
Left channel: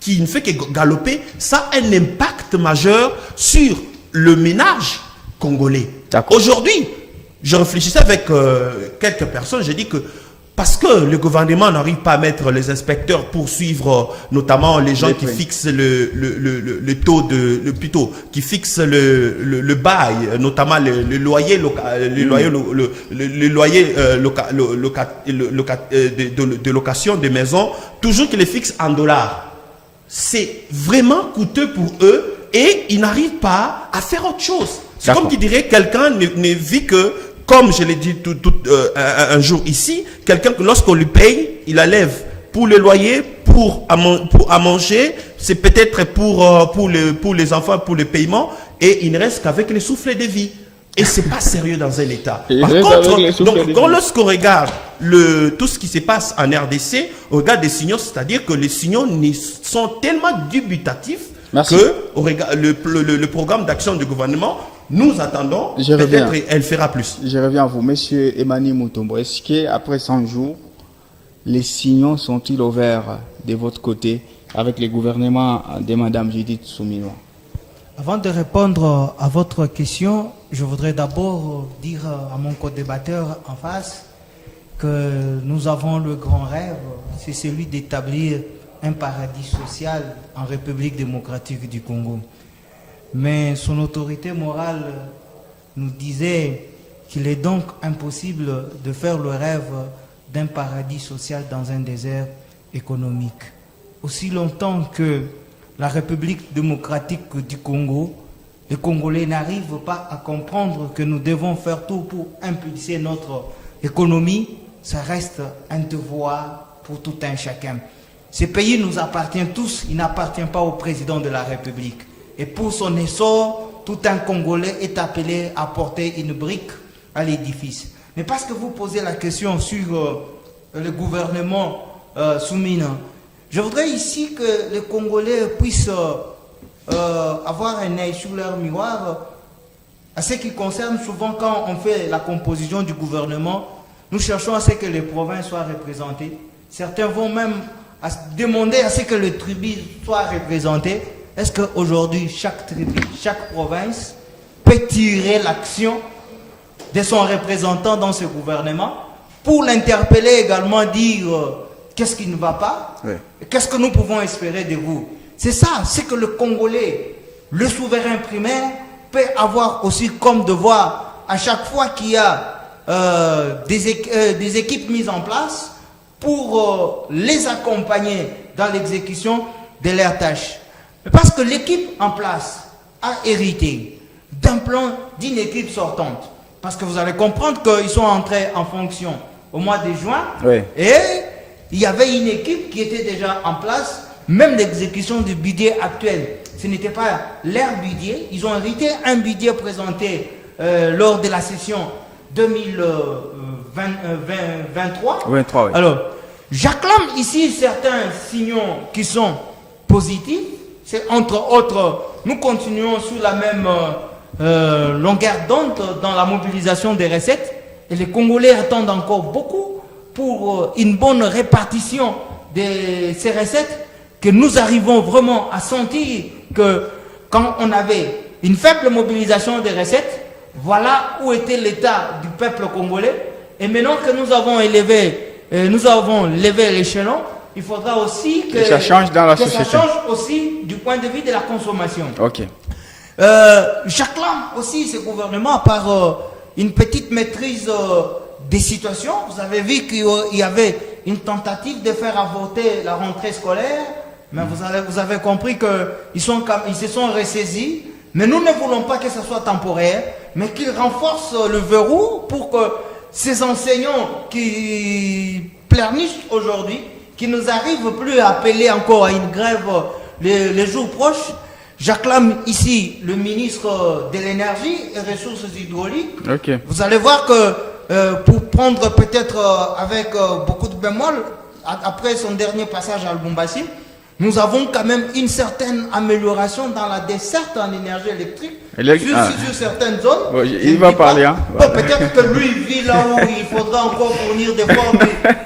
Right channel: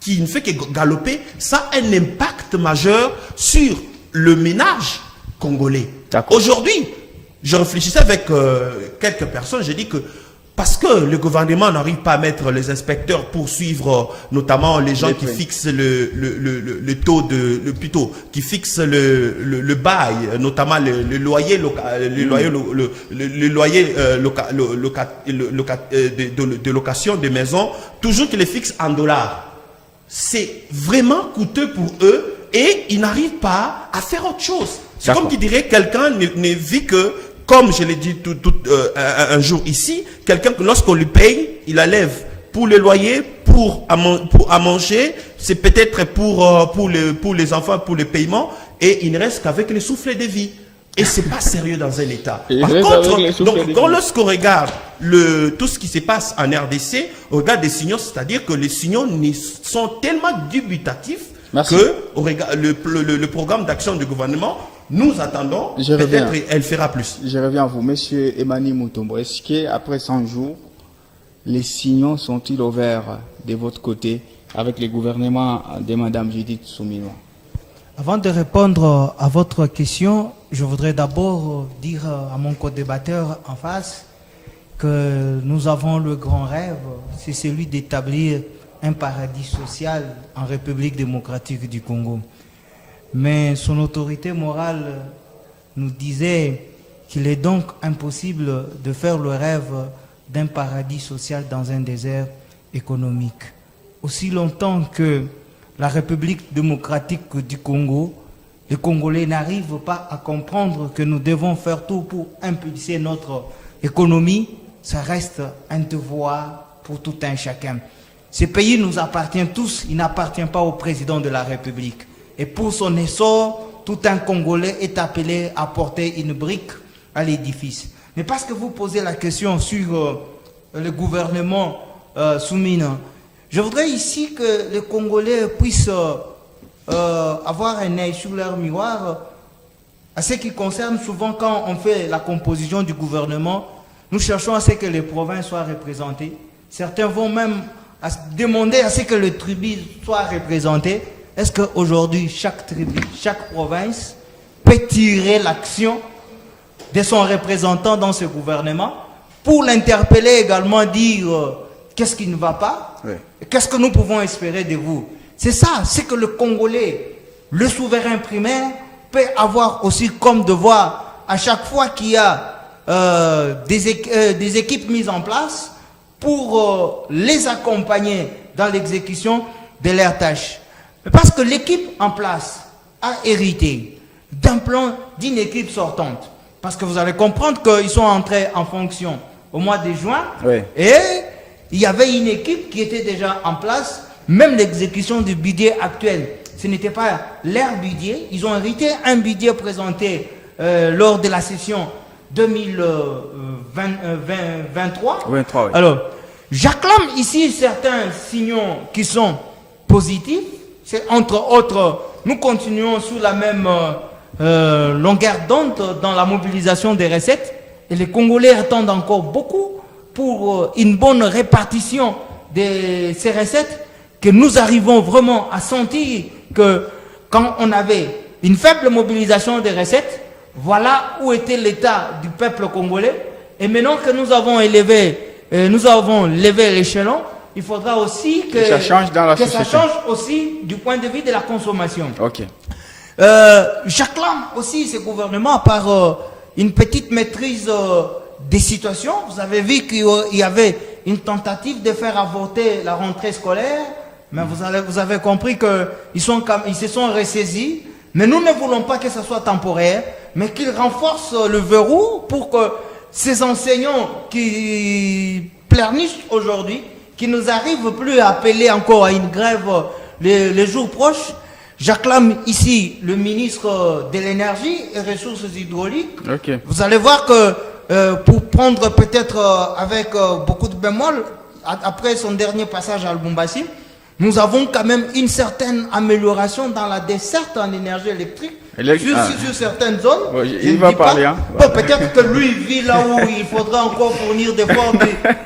qui ne fait que galoper, ça a un impact majeur sur le ménage congolais. Aujourd'hui, je réfléchissais avec quelques personnes, j'ai dit que parce que le gouvernement n'arrive pas à mettre les inspecteurs pour suivre notamment les gens qui fixent le taux plutôt qui fixent le bail, notamment le loyer de location des maisons, toujours qu'ils les fixent en dollars. C'est vraiment coûteux pour eux et ils n'arrivent pas à faire autre chose. C'est comme qui dirait quelqu'un ne vit que, comme je l'ai dit un jour ici, quelqu'un que lorsqu'on lui paye, il enlève pour le loyer, pour à manger, c'est peut-être pour les enfants, pour le paiement, et il ne reste qu'avec le souffle de vie. Et c'est pas sérieux dans un État. Par contre, donc, lorsqu'on regarde tout ce qui se passe en RDC, on regarde des signaux, c'est-à-dire que les signaux sont tellement dubitatifs que le programme d'action du gouvernement, nous attendons, peut-être elle fera plus. Je reviens à vous, Monsieur Emmanuel Mutombo. Est-ce qu'après 100 jours, les signaux sont-ils au vert de votre côté avec le gouvernement de Mme Judith Suminwa? Avant de répondre à votre question, je voudrais d'abord dire à mon co-débatteur en face que nous avons le grand rêve, c'est celui d'établir un paradis social en République démocratique du Congo. Mais son autorité morale nous disait qu'il est donc impossible de faire le rêve d'un paradis social dans un désert économique. Aussi longtemps que la République démocratique du Congo, les Congolais n'arrivent pas à comprendre que nous devons faire tout pour impulser notre économie, ça reste un devoir pour tout un chacun. Ce pays nous appartient tous, il n'appartient pas au président de la République. Et pour son essor, tout un Congolais est appelé à porter une brique à l'édifice. Mais parce que vous posez la question sur le gouvernement Soumina, je voudrais ici que les Congolais puissent avoir un œil sur leur miroir à ce qui concerne souvent quand on fait la composition du gouvernement, nous cherchons à ce que les provinces soient représentées. Certains vont même demander à ce que le tribu soit représenté. Est-ce qu'aujourd'hui, chaque tribu, chaque province peut tirer l'action de son représentant dans ce gouvernement pour l'interpeller également, dire qu'est-ce qui ne va pas, qu'est-ce que nous pouvons espérer de vous? C'est ça, c'est que le Congolais, le souverain primaire, peut avoir aussi comme devoir, à chaque fois qu'il y a des équipes mises en place, pour les accompagner dans l'exécution de leurs tâches. Parce que l'équipe en place a hérité d'un plan d'une équipe sortante. Parce que vous allez comprendre qu'ils sont entrés en fonction au mois de juin. Oui. Et il y avait une équipe qui était déjà en place. Même l'exécution du budget actuel, ce n'était pas leur budget. Ils ont hérité un budget présenté lors de la session 2023. 23, oui. Alors, j'acclame ici certains signaux qui sont positifs. C'est entre autres, nous continuons sur la même longueur d'onde dans la mobilisation des recettes. Et les Congolais attendent encore beaucoup pour une bonne répartition de ces recettes, que nous arrivons vraiment à sentir que quand on avait une faible mobilisation des recettes, voilà où était l'état du peuple congolais. Et maintenant que nous avons levé l'échelon, il faudra aussi que ça change dans la société. Ça change aussi du point de vue de la consommation. Ok. J'acclame aussi ce gouvernement par une petite maîtrise des situations. Vous avez vu qu'il y avait une tentative de faire avorter la rentrée scolaire, mais vous avez compris qu'ils se sont ressaisis. Mais nous ne voulons pas que ce soit temporaire, mais qu'ils renforcent le verrou pour que ces enseignants qui pleurnichent aujourd'hui, qui nous arrivent plus à appeler encore à une grève les jours proches. J'acclame ici le ministre de l'énergie et ressources hydrauliques. Okay. Vous allez voir que pour prendre peut-être avec beaucoup de bémol, après son dernier passage à Lubumbashi, nous avons quand même une certaine amélioration dans la desserte en énergie électrique sur certaines zones. Ouais, il va parler. Hein. Peut-être que lui vit là où il faudra encore fournir des formes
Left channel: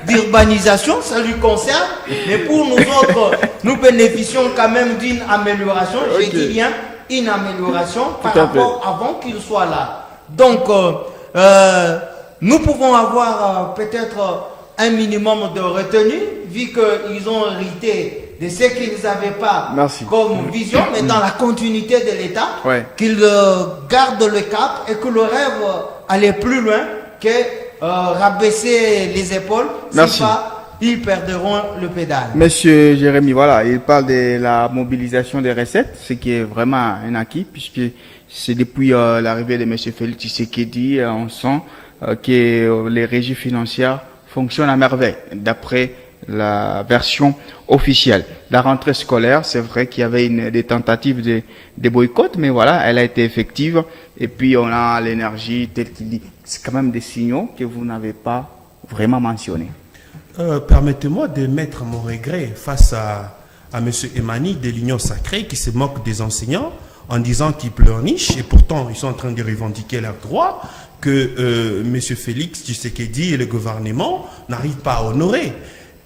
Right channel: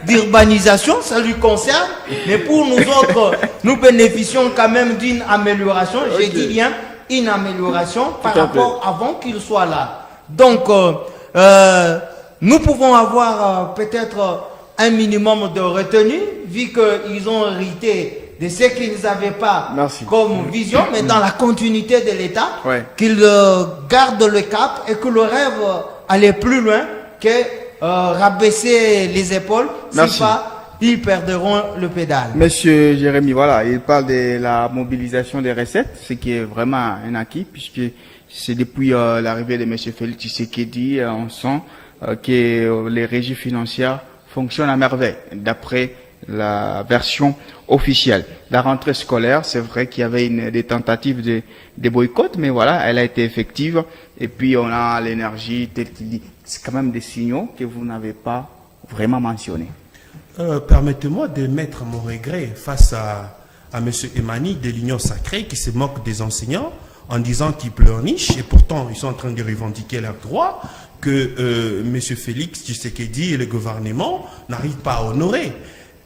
d'urbanisation, ça lui concerne. Mais pour nous autres, nous bénéficions quand même d'une amélioration. Okay. Je dis bien une amélioration par rapport avant qu'il soit là. Donc, nous pouvons avoir peut-être un minimum de retenue, vu qu'ils ont hérité de ce qu'ils n'avaient pas comme vision, mais dans la continuité de l'État, qu'ils gardent le cap et que le rêve allait plus loin que rabaisser les épaules. Si pas, ils perdront le pédale. Monsieur Jérémy, voilà, il parle de la mobilisation des recettes, ce qui est vraiment un acquis, puisque c'est depuis l'arrivée de monsieur Félix Tshisekedi, on sent que les régies financières fonctionnent à merveille, d'après la version officielle. La rentrée scolaire, c'est vrai qu'il y avait des tentatives de boycott, mais voilà, elle a été effective. Et puis on a l'énergie telle qu'il dit. C'est quand même des signaux que vous n'avez pas vraiment mentionnés. Permettez-moi de mettre mon regret face à M. Emani de l'Union Sacrée qui se moque des enseignants en disant qu'ils pleurnichent et pourtant ils sont en train de revendiquer leurs droits que M. Félix Tshisekedi et le gouvernement n'arrivent pas à honorer.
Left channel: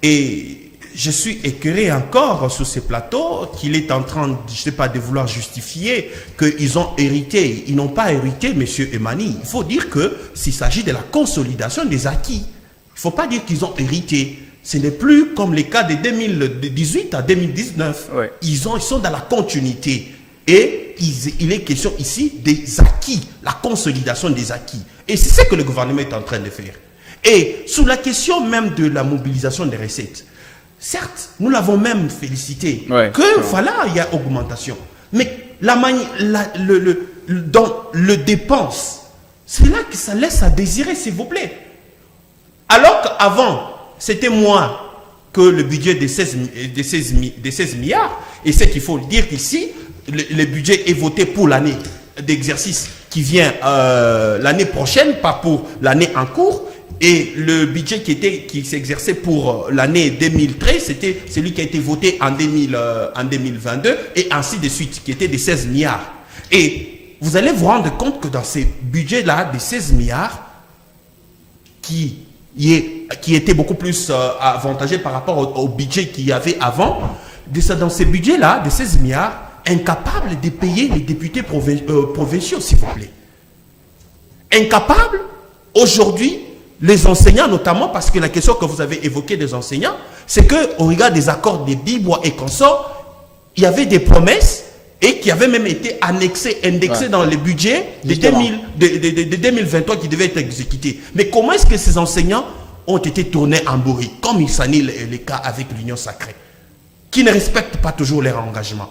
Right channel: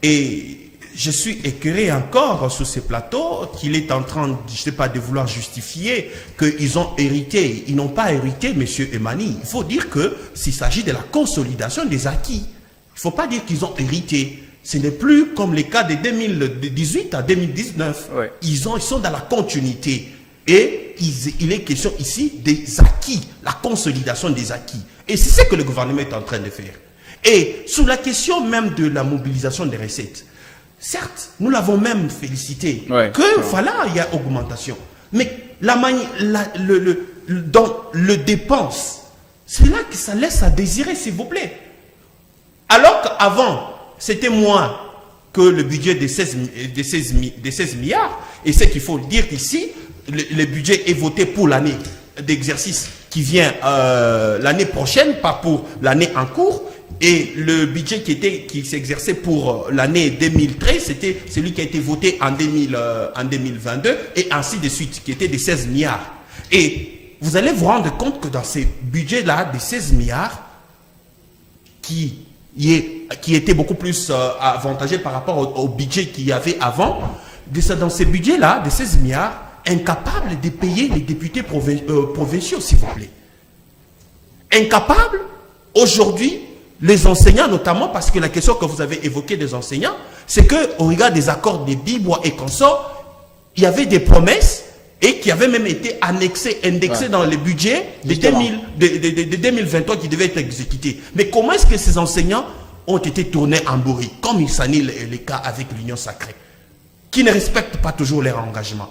Et je suis écœuré encore sur ces plateaux qu'il est en train, je sais pas, de vouloir justifier qu'ils ont hérité. Ils n'ont pas hérité, M. Emani. Il faut dire qu'il s'agit de la consolidation des acquis. Il ne faut pas dire qu'ils ont hérité. Ce n'est plus comme les cas de 2018 à 2019. Ouais. Ils sont dans la continuité. Et il est question ici des acquis, la consolidation des acquis. Et c'est ce que le gouvernement est en train de faire. Et sous la question même de la mobilisation des recettes, certes, nous l'avons même félicité, voilà, il y a augmentation. Mais dans le dépense, c'est là que ça laisse à désirer, s'il vous plaît. Alors qu'avant, c'était moins que le budget de 16 milliards, et c'est qu'il faut dire qu'ici, le budget est voté pour l'année d'exercice qui vient l'année prochaine, pas pour l'année en cours. Et le budget qui s'exerçait pour l'année 2013, c'était celui qui a été voté en 2022 et ainsi de suite, qui était de 16 milliards. Et vous allez vous rendre compte que dans ces budgets-là, de 16 milliards, qui était beaucoup plus avantageux par rapport au budget qu'il y avait avant, dans ces budgets-là, de 16 milliards, incapables de payer les députés provinciaux, s'il vous plaît. Incapables, aujourd'hui, les enseignants notamment, parce que la question que vous avez évoquée des enseignants, c'est qu'au regard des accords des Bibois et consorts, il y avait des promesses et qui avaient même été indexées dans les budgets de 2023 qui devaient être exécutés. Mais comment est-ce que ces enseignants ont été tournés en bourri, comme il s'en est le cas avec l'Union Sacrée, qui ne respectent pas toujours leurs engagements?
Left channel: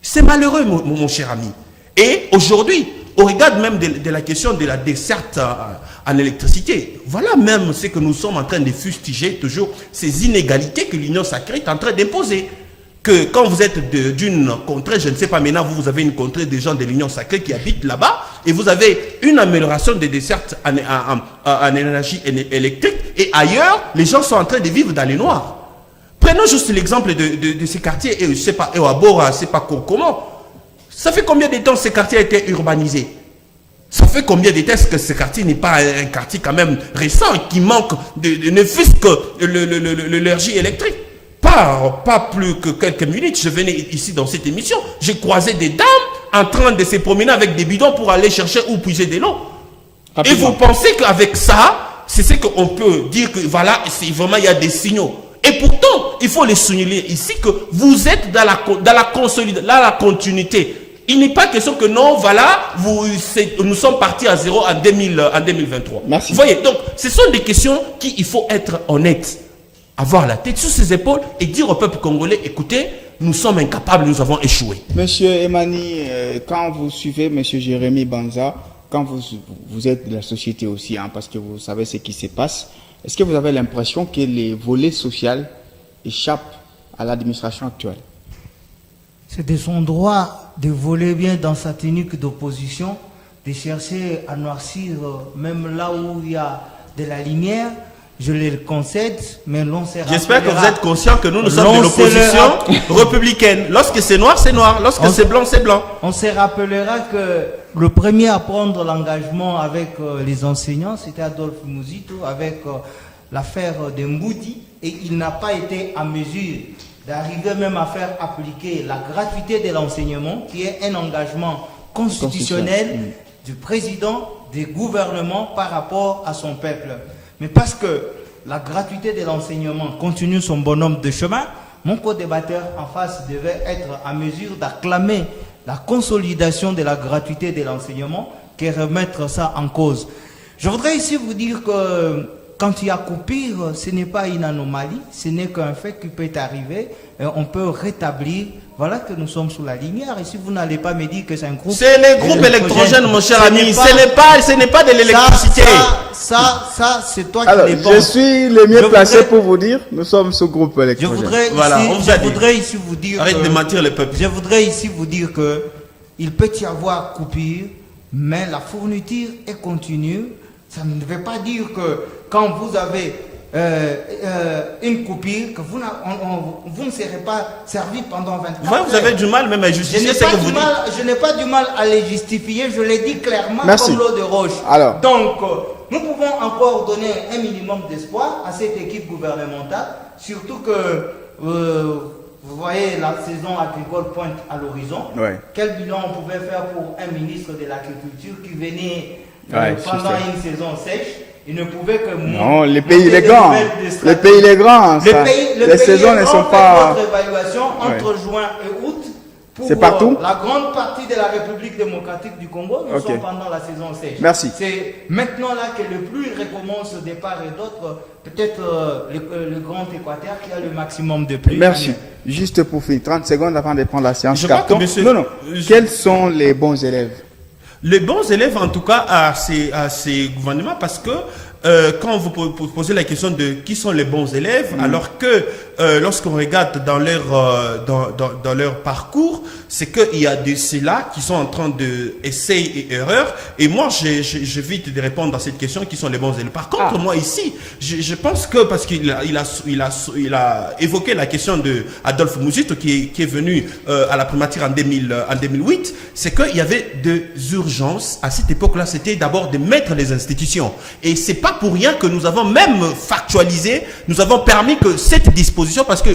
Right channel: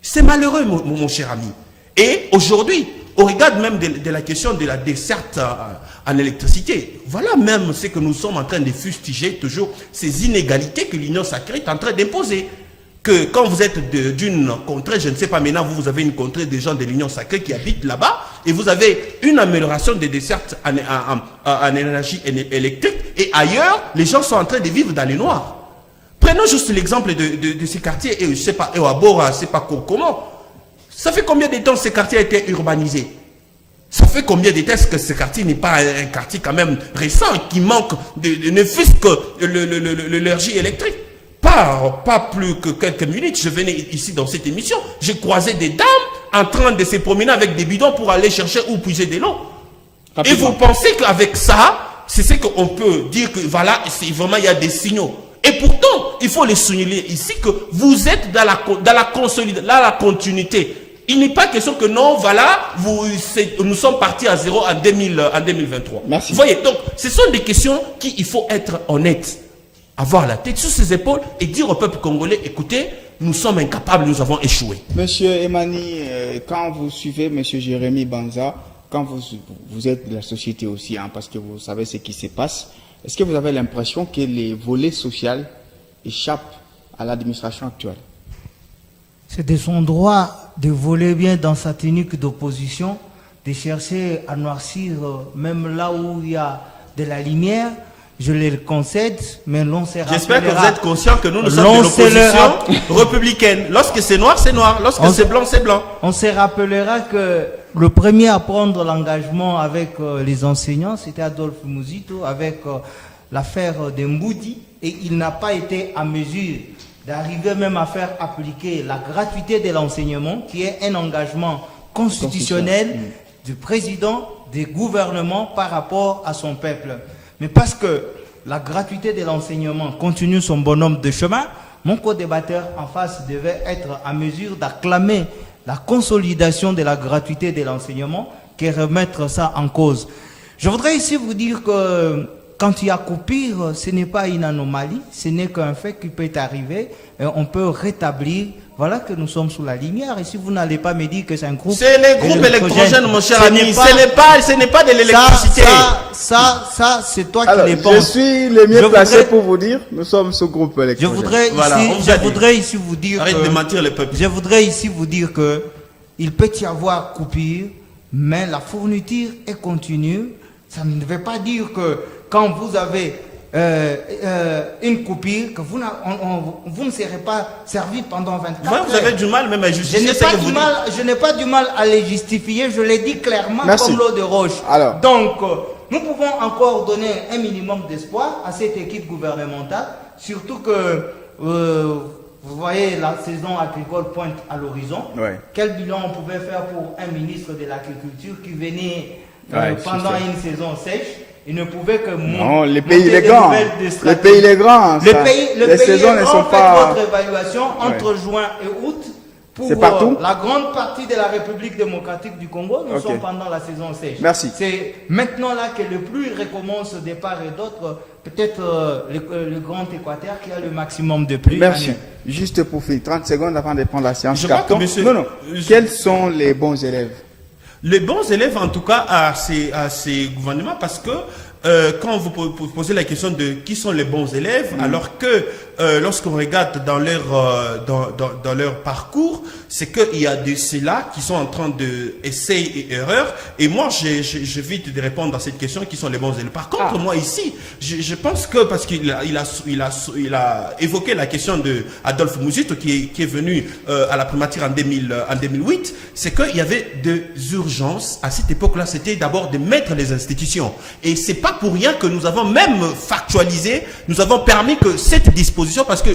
C'est malheureux, mon cher ami. Et aujourd'hui, au regard même de la question de la desserte en électricité, voilà même ce que nous sommes en train de fustiger toujours, ces inégalités que l'Union Sacrée est en train d'imposer. Que quand vous êtes d'une contrée, je ne sais pas, maintenant vous avez une contrée de gens de l'Union Sacrée qui habitent là-bas, et vous avez une amélioration des dessertes en énergie électrique, et ailleurs, les gens sont en train de vivre dans les noirs. Prenons juste l'exemple de ces quartiers, et je ne sais pas, et à Bora, je ne sais pas comment. Ça fait combien de temps ce quartier a été urbanisé? Ça fait combien de temps que ce quartier n'est pas un quartier quand même récent, qui manque ne fût-ce que l'énergie électrique? Pas plus que quelques minutes, je venais ici dans cette émission, j'ai croisé des dames en train de se promener avec des bidons pour aller chercher ou puiser de l'eau. Et vous pensez qu'avec ça, c'est ce qu'on peut dire que voilà, vraiment il y a des signaux. Et pourtant, il faut les souligner ici que vous êtes dans la continuité. Il n'est pas question que non, voilà, nous sommes partis à zéro en 2023. Merci. Vous voyez, donc, ce sont des questions il faut être honnête. avoir la tête sur ses épaules et dire au peuple congolais, écoutez, nous sommes incapables, nous avons échoué. Monsieur Emani, quand vous suivez Monsieur Jérémy Banza, quand vous êtes de la société aussi, hein, parce que vous savez ce qui se passe, est-ce que vous avez l'impression que les volets sociaux échappent à l'administration actuelle? C'est de son droit de voler bien dans sa tenue d'opposition, de chercher à noircir même là où il y a de la lumière. Je le concède, mais l'on s'est rappelera. J'espère que vous êtes conscient que nous sommes de l'opposition républicaine. Lorsque c'est noir, c'est noir. Lorsque c'est blanc, c'est blanc. On se rappellera que le premier à prendre l'engagement avec les enseignants, c'était Adolphe Muzito, avec l'affaire de Mboudi, et il n'a pas été en mesure d'arriver même à faire appliquer la gratuité de l'enseignement, qui est un engagement constitutionnel du président, des gouvernements par rapport à son peuple. Mais parce que la gratuité de l'enseignement continue son bonhomme de chemin, mon co-débatteur en face devait être en mesure d'acclamer la consolidation de la gratuité de l'enseignement que remettre ça en cause. Je voudrais ici vous dire que quand il y a coupure, ce n'est pas une anomalie, ce n'est qu'un fait qui peut arriver et on peut rétablir. Voilà que nous sommes sous la lumière. Et si vous n'allez pas me dire que c'est un groupe... C'est les groupes électrogènes, mon cher ami. Ce n'est pas de l'électricité. Ça, c'est toi qui les penses. Je suis le mieux placé pour vous dire, nous sommes sous groupe électrogène. Je voudrais ici vous dire... Arrête de mentir les peuples. Je voudrais ici vous dire que il peut y avoir coupure, mais la fourniture est continue. Ça ne veut pas dire que quand vous avez une coupure, que vous ne serez pas servi pendant 24 heures. Vous avez du mal même à justifier ce que vous dites. Je n'ai pas du mal à les justifier, je l'ai dit clairement. Merci. Comme l'eau de roche. Alors. Donc, nous pouvons encore donner un minimum d'espoir à cette équipe gouvernementale, surtout que vous voyez la saison agricole pointe à l'horizon. Ouais. Quel bilan on pouvait faire pour un ministre de l'Agriculture qui venait pendant une saison sèche? Il ne pouvait que non, le pays il est grand. Le pays il est grand. Les saisons ne sont pas. Votre évaluation entre juin et août. C'est partout. La grande partie de la République démocratique du Congo, nous sommes pendant la saison sèche. Merci. C'est maintenant là que le pluie recommence de part et d'autre. Peut-être le Grand Équateur qui a le maximum de pluie. Merci. Juste pour finir, 30 secondes avant de prendre la séance. Je carton. Non. Quels sont les bons élèves? Les bons élèves, en tout cas, à ces gouvernements, parce que quand vous posez la question de qui sont les bons élèves, alors que lorsqu'on regarde dans leur parcours, c'est qu'il y a de ceux-là qui sont en train de essais et erreurs. Et moi, j'évite de répondre à cette question qui sont les bons élèves. Par contre, moi ici, je pense que parce qu'il a évoqué la question de Adolphe Muzito qui est venu à la primature en 2008, c'est qu'il y avait des urgences à cette époque-là. C'était d'abord de mettre les institutions. Et c'est pas pour rien que nous avons même factualisé, nous avons permis que cette disposition, parce que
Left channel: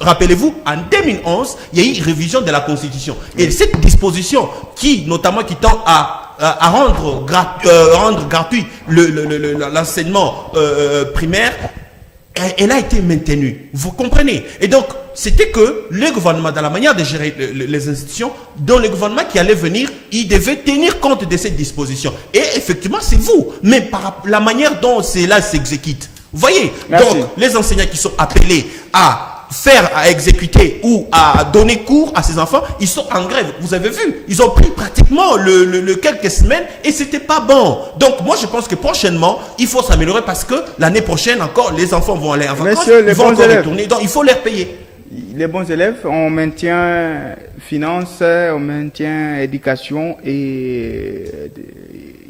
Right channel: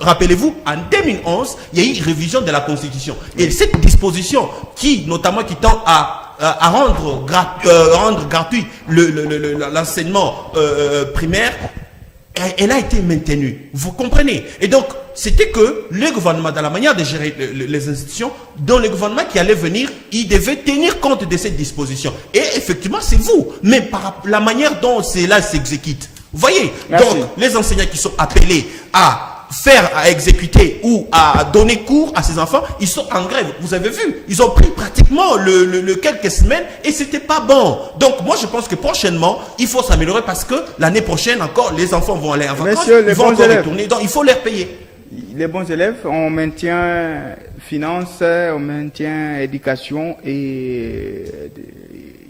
rappelez-vous, en 2011, il y a eu une révision de la Constitution. Et cette disposition qui tend à rendre gratuit l'enseignement primaire, elle a été maintenue. Vous comprenez? Et donc, c'était que le gouvernement, dans la manière de gérer les institutions, dans le gouvernement qui allait venir, il devait tenir compte de cette disposition. Et effectivement, c'est vous. Mais par la manière dont cela s'exécute. Vous voyez? Merci. Donc, les enseignants qui sont appelés à exécuter ou à donner cours à ces enfants, ils sont en grève. Vous avez vu, ils ont pris pratiquement le quelques semaines et c'était pas bon. Donc moi je pense que prochainement, il faut s'améliorer parce que l'année prochaine encore, les enfants vont aller en vacances, ils vont encore retourner. Donc il faut les payer. Les bons élèves, on maintient finance, on maintient éducation et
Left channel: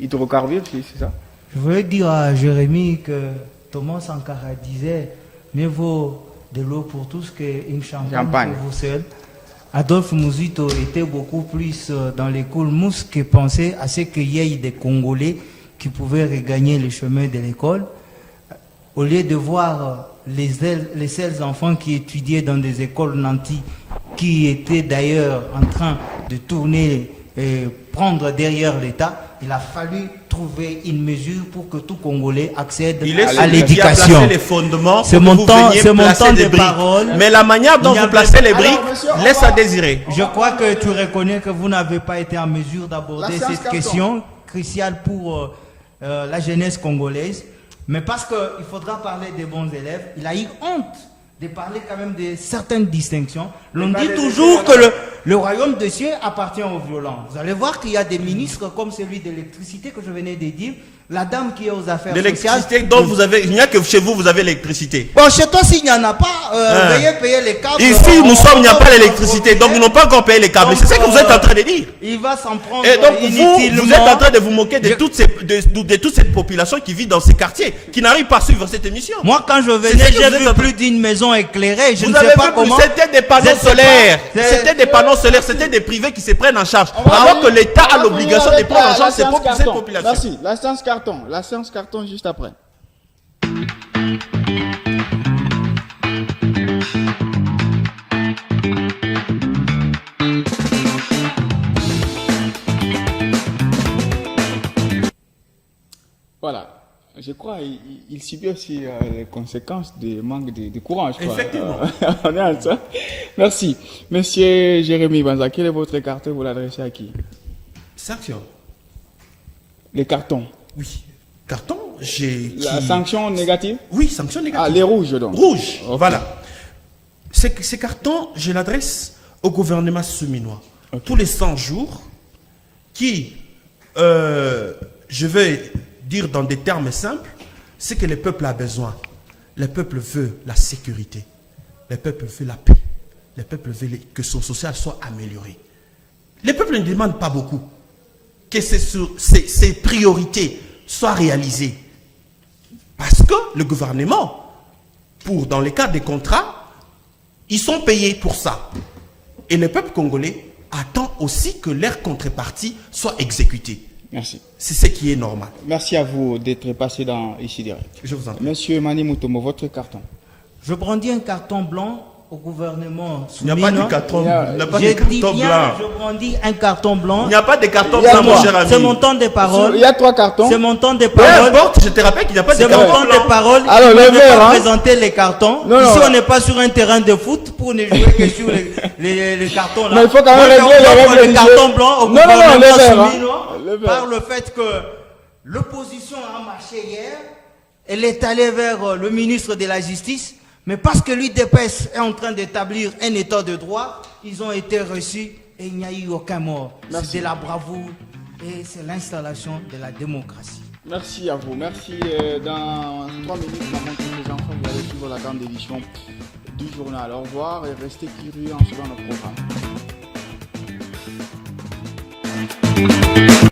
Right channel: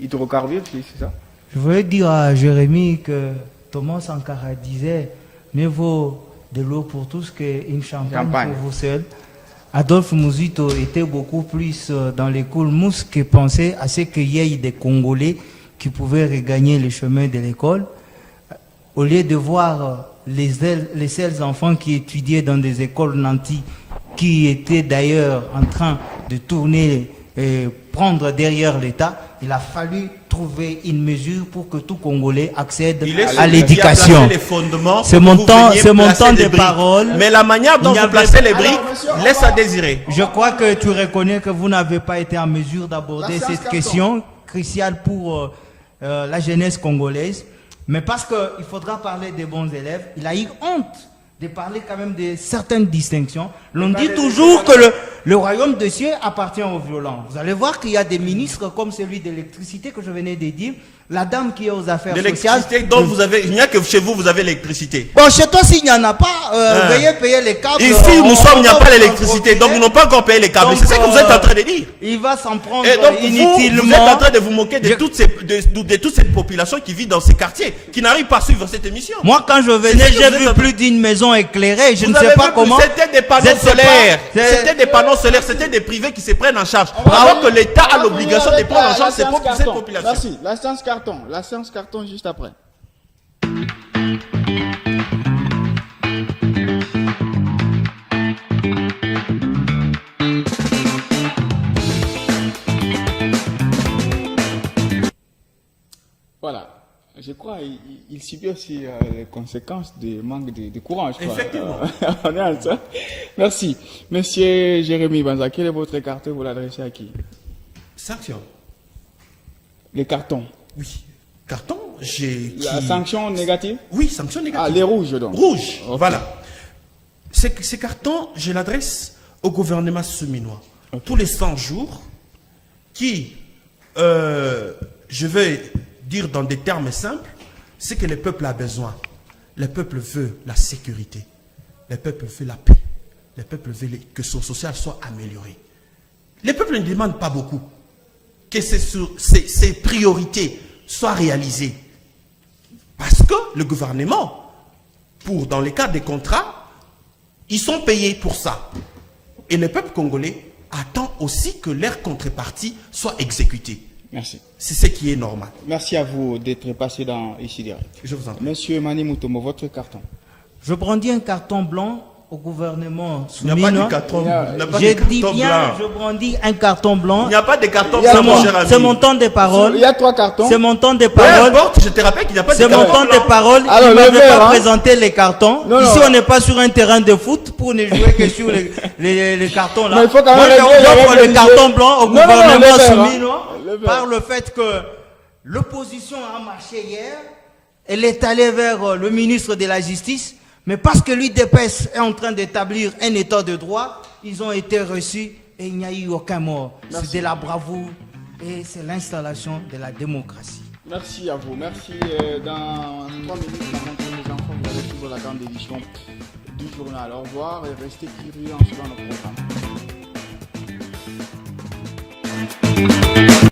hydrocarbures, c'est ça? Je voulais dire à Jérémy que Thomas Sankara disait, mieux vaut de l'eau pour tous qu'une champagne pour vous seul. Adolphe Muzito était beaucoup plus dans les coulmous que pensait à ce qu'il y ait des Congolais qui pouvaient regagner le chemin de l'école. Au lieu de voir les seuls enfants qui étudiaient dans des écoles nantis, qui étaient d'ailleurs en train de tourner et prendre derrière l'État, il a fallu trouver une mesure pour que tout Congolais accède à l'éducation. C'est mon temps de parole. Mais la manière dont vous placez les briques laisse à désirer. Je crois que tu reconnais que vous n'avez pas été en mesure d'aborder cette question cruciale pour la jeunesse congolaise. Mais parce qu'il faudra parler des bons élèves, il a eu honte de parler quand même de certaines distinctions. L'on dit toujours que le royaume de cieux appartient aux violents. Vous allez voir qu'il y a des ministres comme celui de l'électricité que je venais de dire, la dame qui est aux affaires sociales. L'électricité, donc il n'y a que chez vous, vous avez l'électricité. Bon, chez toi, s'il n'y en a pas, veuillez payer les câbles. Ici, il n'y a pas l'électricité, donc ils n'ont pas encore payé les câbles. C'est ça que vous êtes en train de dire. Il va s'en prendre Et donc inutilement. vous êtes en train de vous moquer de toute cette population qui vit dans ces quartiers, qui n'arrive pas à suivre cette émission. Moi, quand je venais, j'ai vu plus d'une maison éclairée. Je ne sais pas comment. C'était des panneaux solaires. C'était des panneaux solaires. C'était des privés qui se prennent en charge. Alors que l'État a l'obligation de prendre en charge cette population. Merci. La séance carton. La séance carton juste après. Voilà. Je crois qu'il subit aussi les conséquences du manque de courant. Je crois. Effectivement. On est ensemble. Merci. Monsieur Jérémy Banza, quel est votre carton? Vous l'adressez à qui? Sanction. Les cartons. Oui. Carton, La sanction négative? Oui, sanction négative. Ah, les rouges donc. Rouges, Okay. voilà. Ces cartons, je l'adresse au gouvernement seminois. Okay. Tous les 100 jours, qui, je vais dire dans des termes simples, c'est que le peuple a besoin. Le peuple veut la sécurité. Le peuple veut la paix. Le peuple veut que son social soit amélioré. Le peuple ne demande pas beaucoup. Que ces priorités soient réalisées. Parce que le gouvernement, dans le cas des contrats, ils sont payés pour ça. Et le peuple congolais attend aussi que leur contrepartie soit exécutée. Merci. C'est ce qui est normal. Merci à vous d'être passé ici derrière. Je vous en prie. Monsieur Mani Mutombo, votre carton. Je brandis un carton blanc au gouvernement Il n'y a pas de carton, Je brandis un carton blanc. Il n'y a pas de carton blanc, mon cher ami. C'est mon temps de parole. Il y a 3 cartons. C'est mon temps de Peu parole. importe, je te rappelle qu'il n'y a pas de C'est carton mon temps blanc. de parole. Alors, Il ne le m'avait vert, pas hein. présenté les cartons. Non, Ici, non. on n'est pas sur un terrain de foot pour ne jouer que sur les cartons là. Mais il faut quand Moi, même je régler offre les le règles carton du blanc au jeu. Non, non, non, gouvernement le vert, hein. soumis Le vert. par le fait que l'opposition a marché hier. Elle est allée vers le ministre de la Justice. Mais parce que l'UDPS est en train d'établir un état de droit, ils ont été reçus et il n'y a eu aucun mort. C'est de la bravoure et c'est l'installation de la démocratie. Merci à vous. Merci. Dans 3 minutes, les enfants vont suivre la grande édition du journal. Au revoir et restez curieux en suivant notre programme.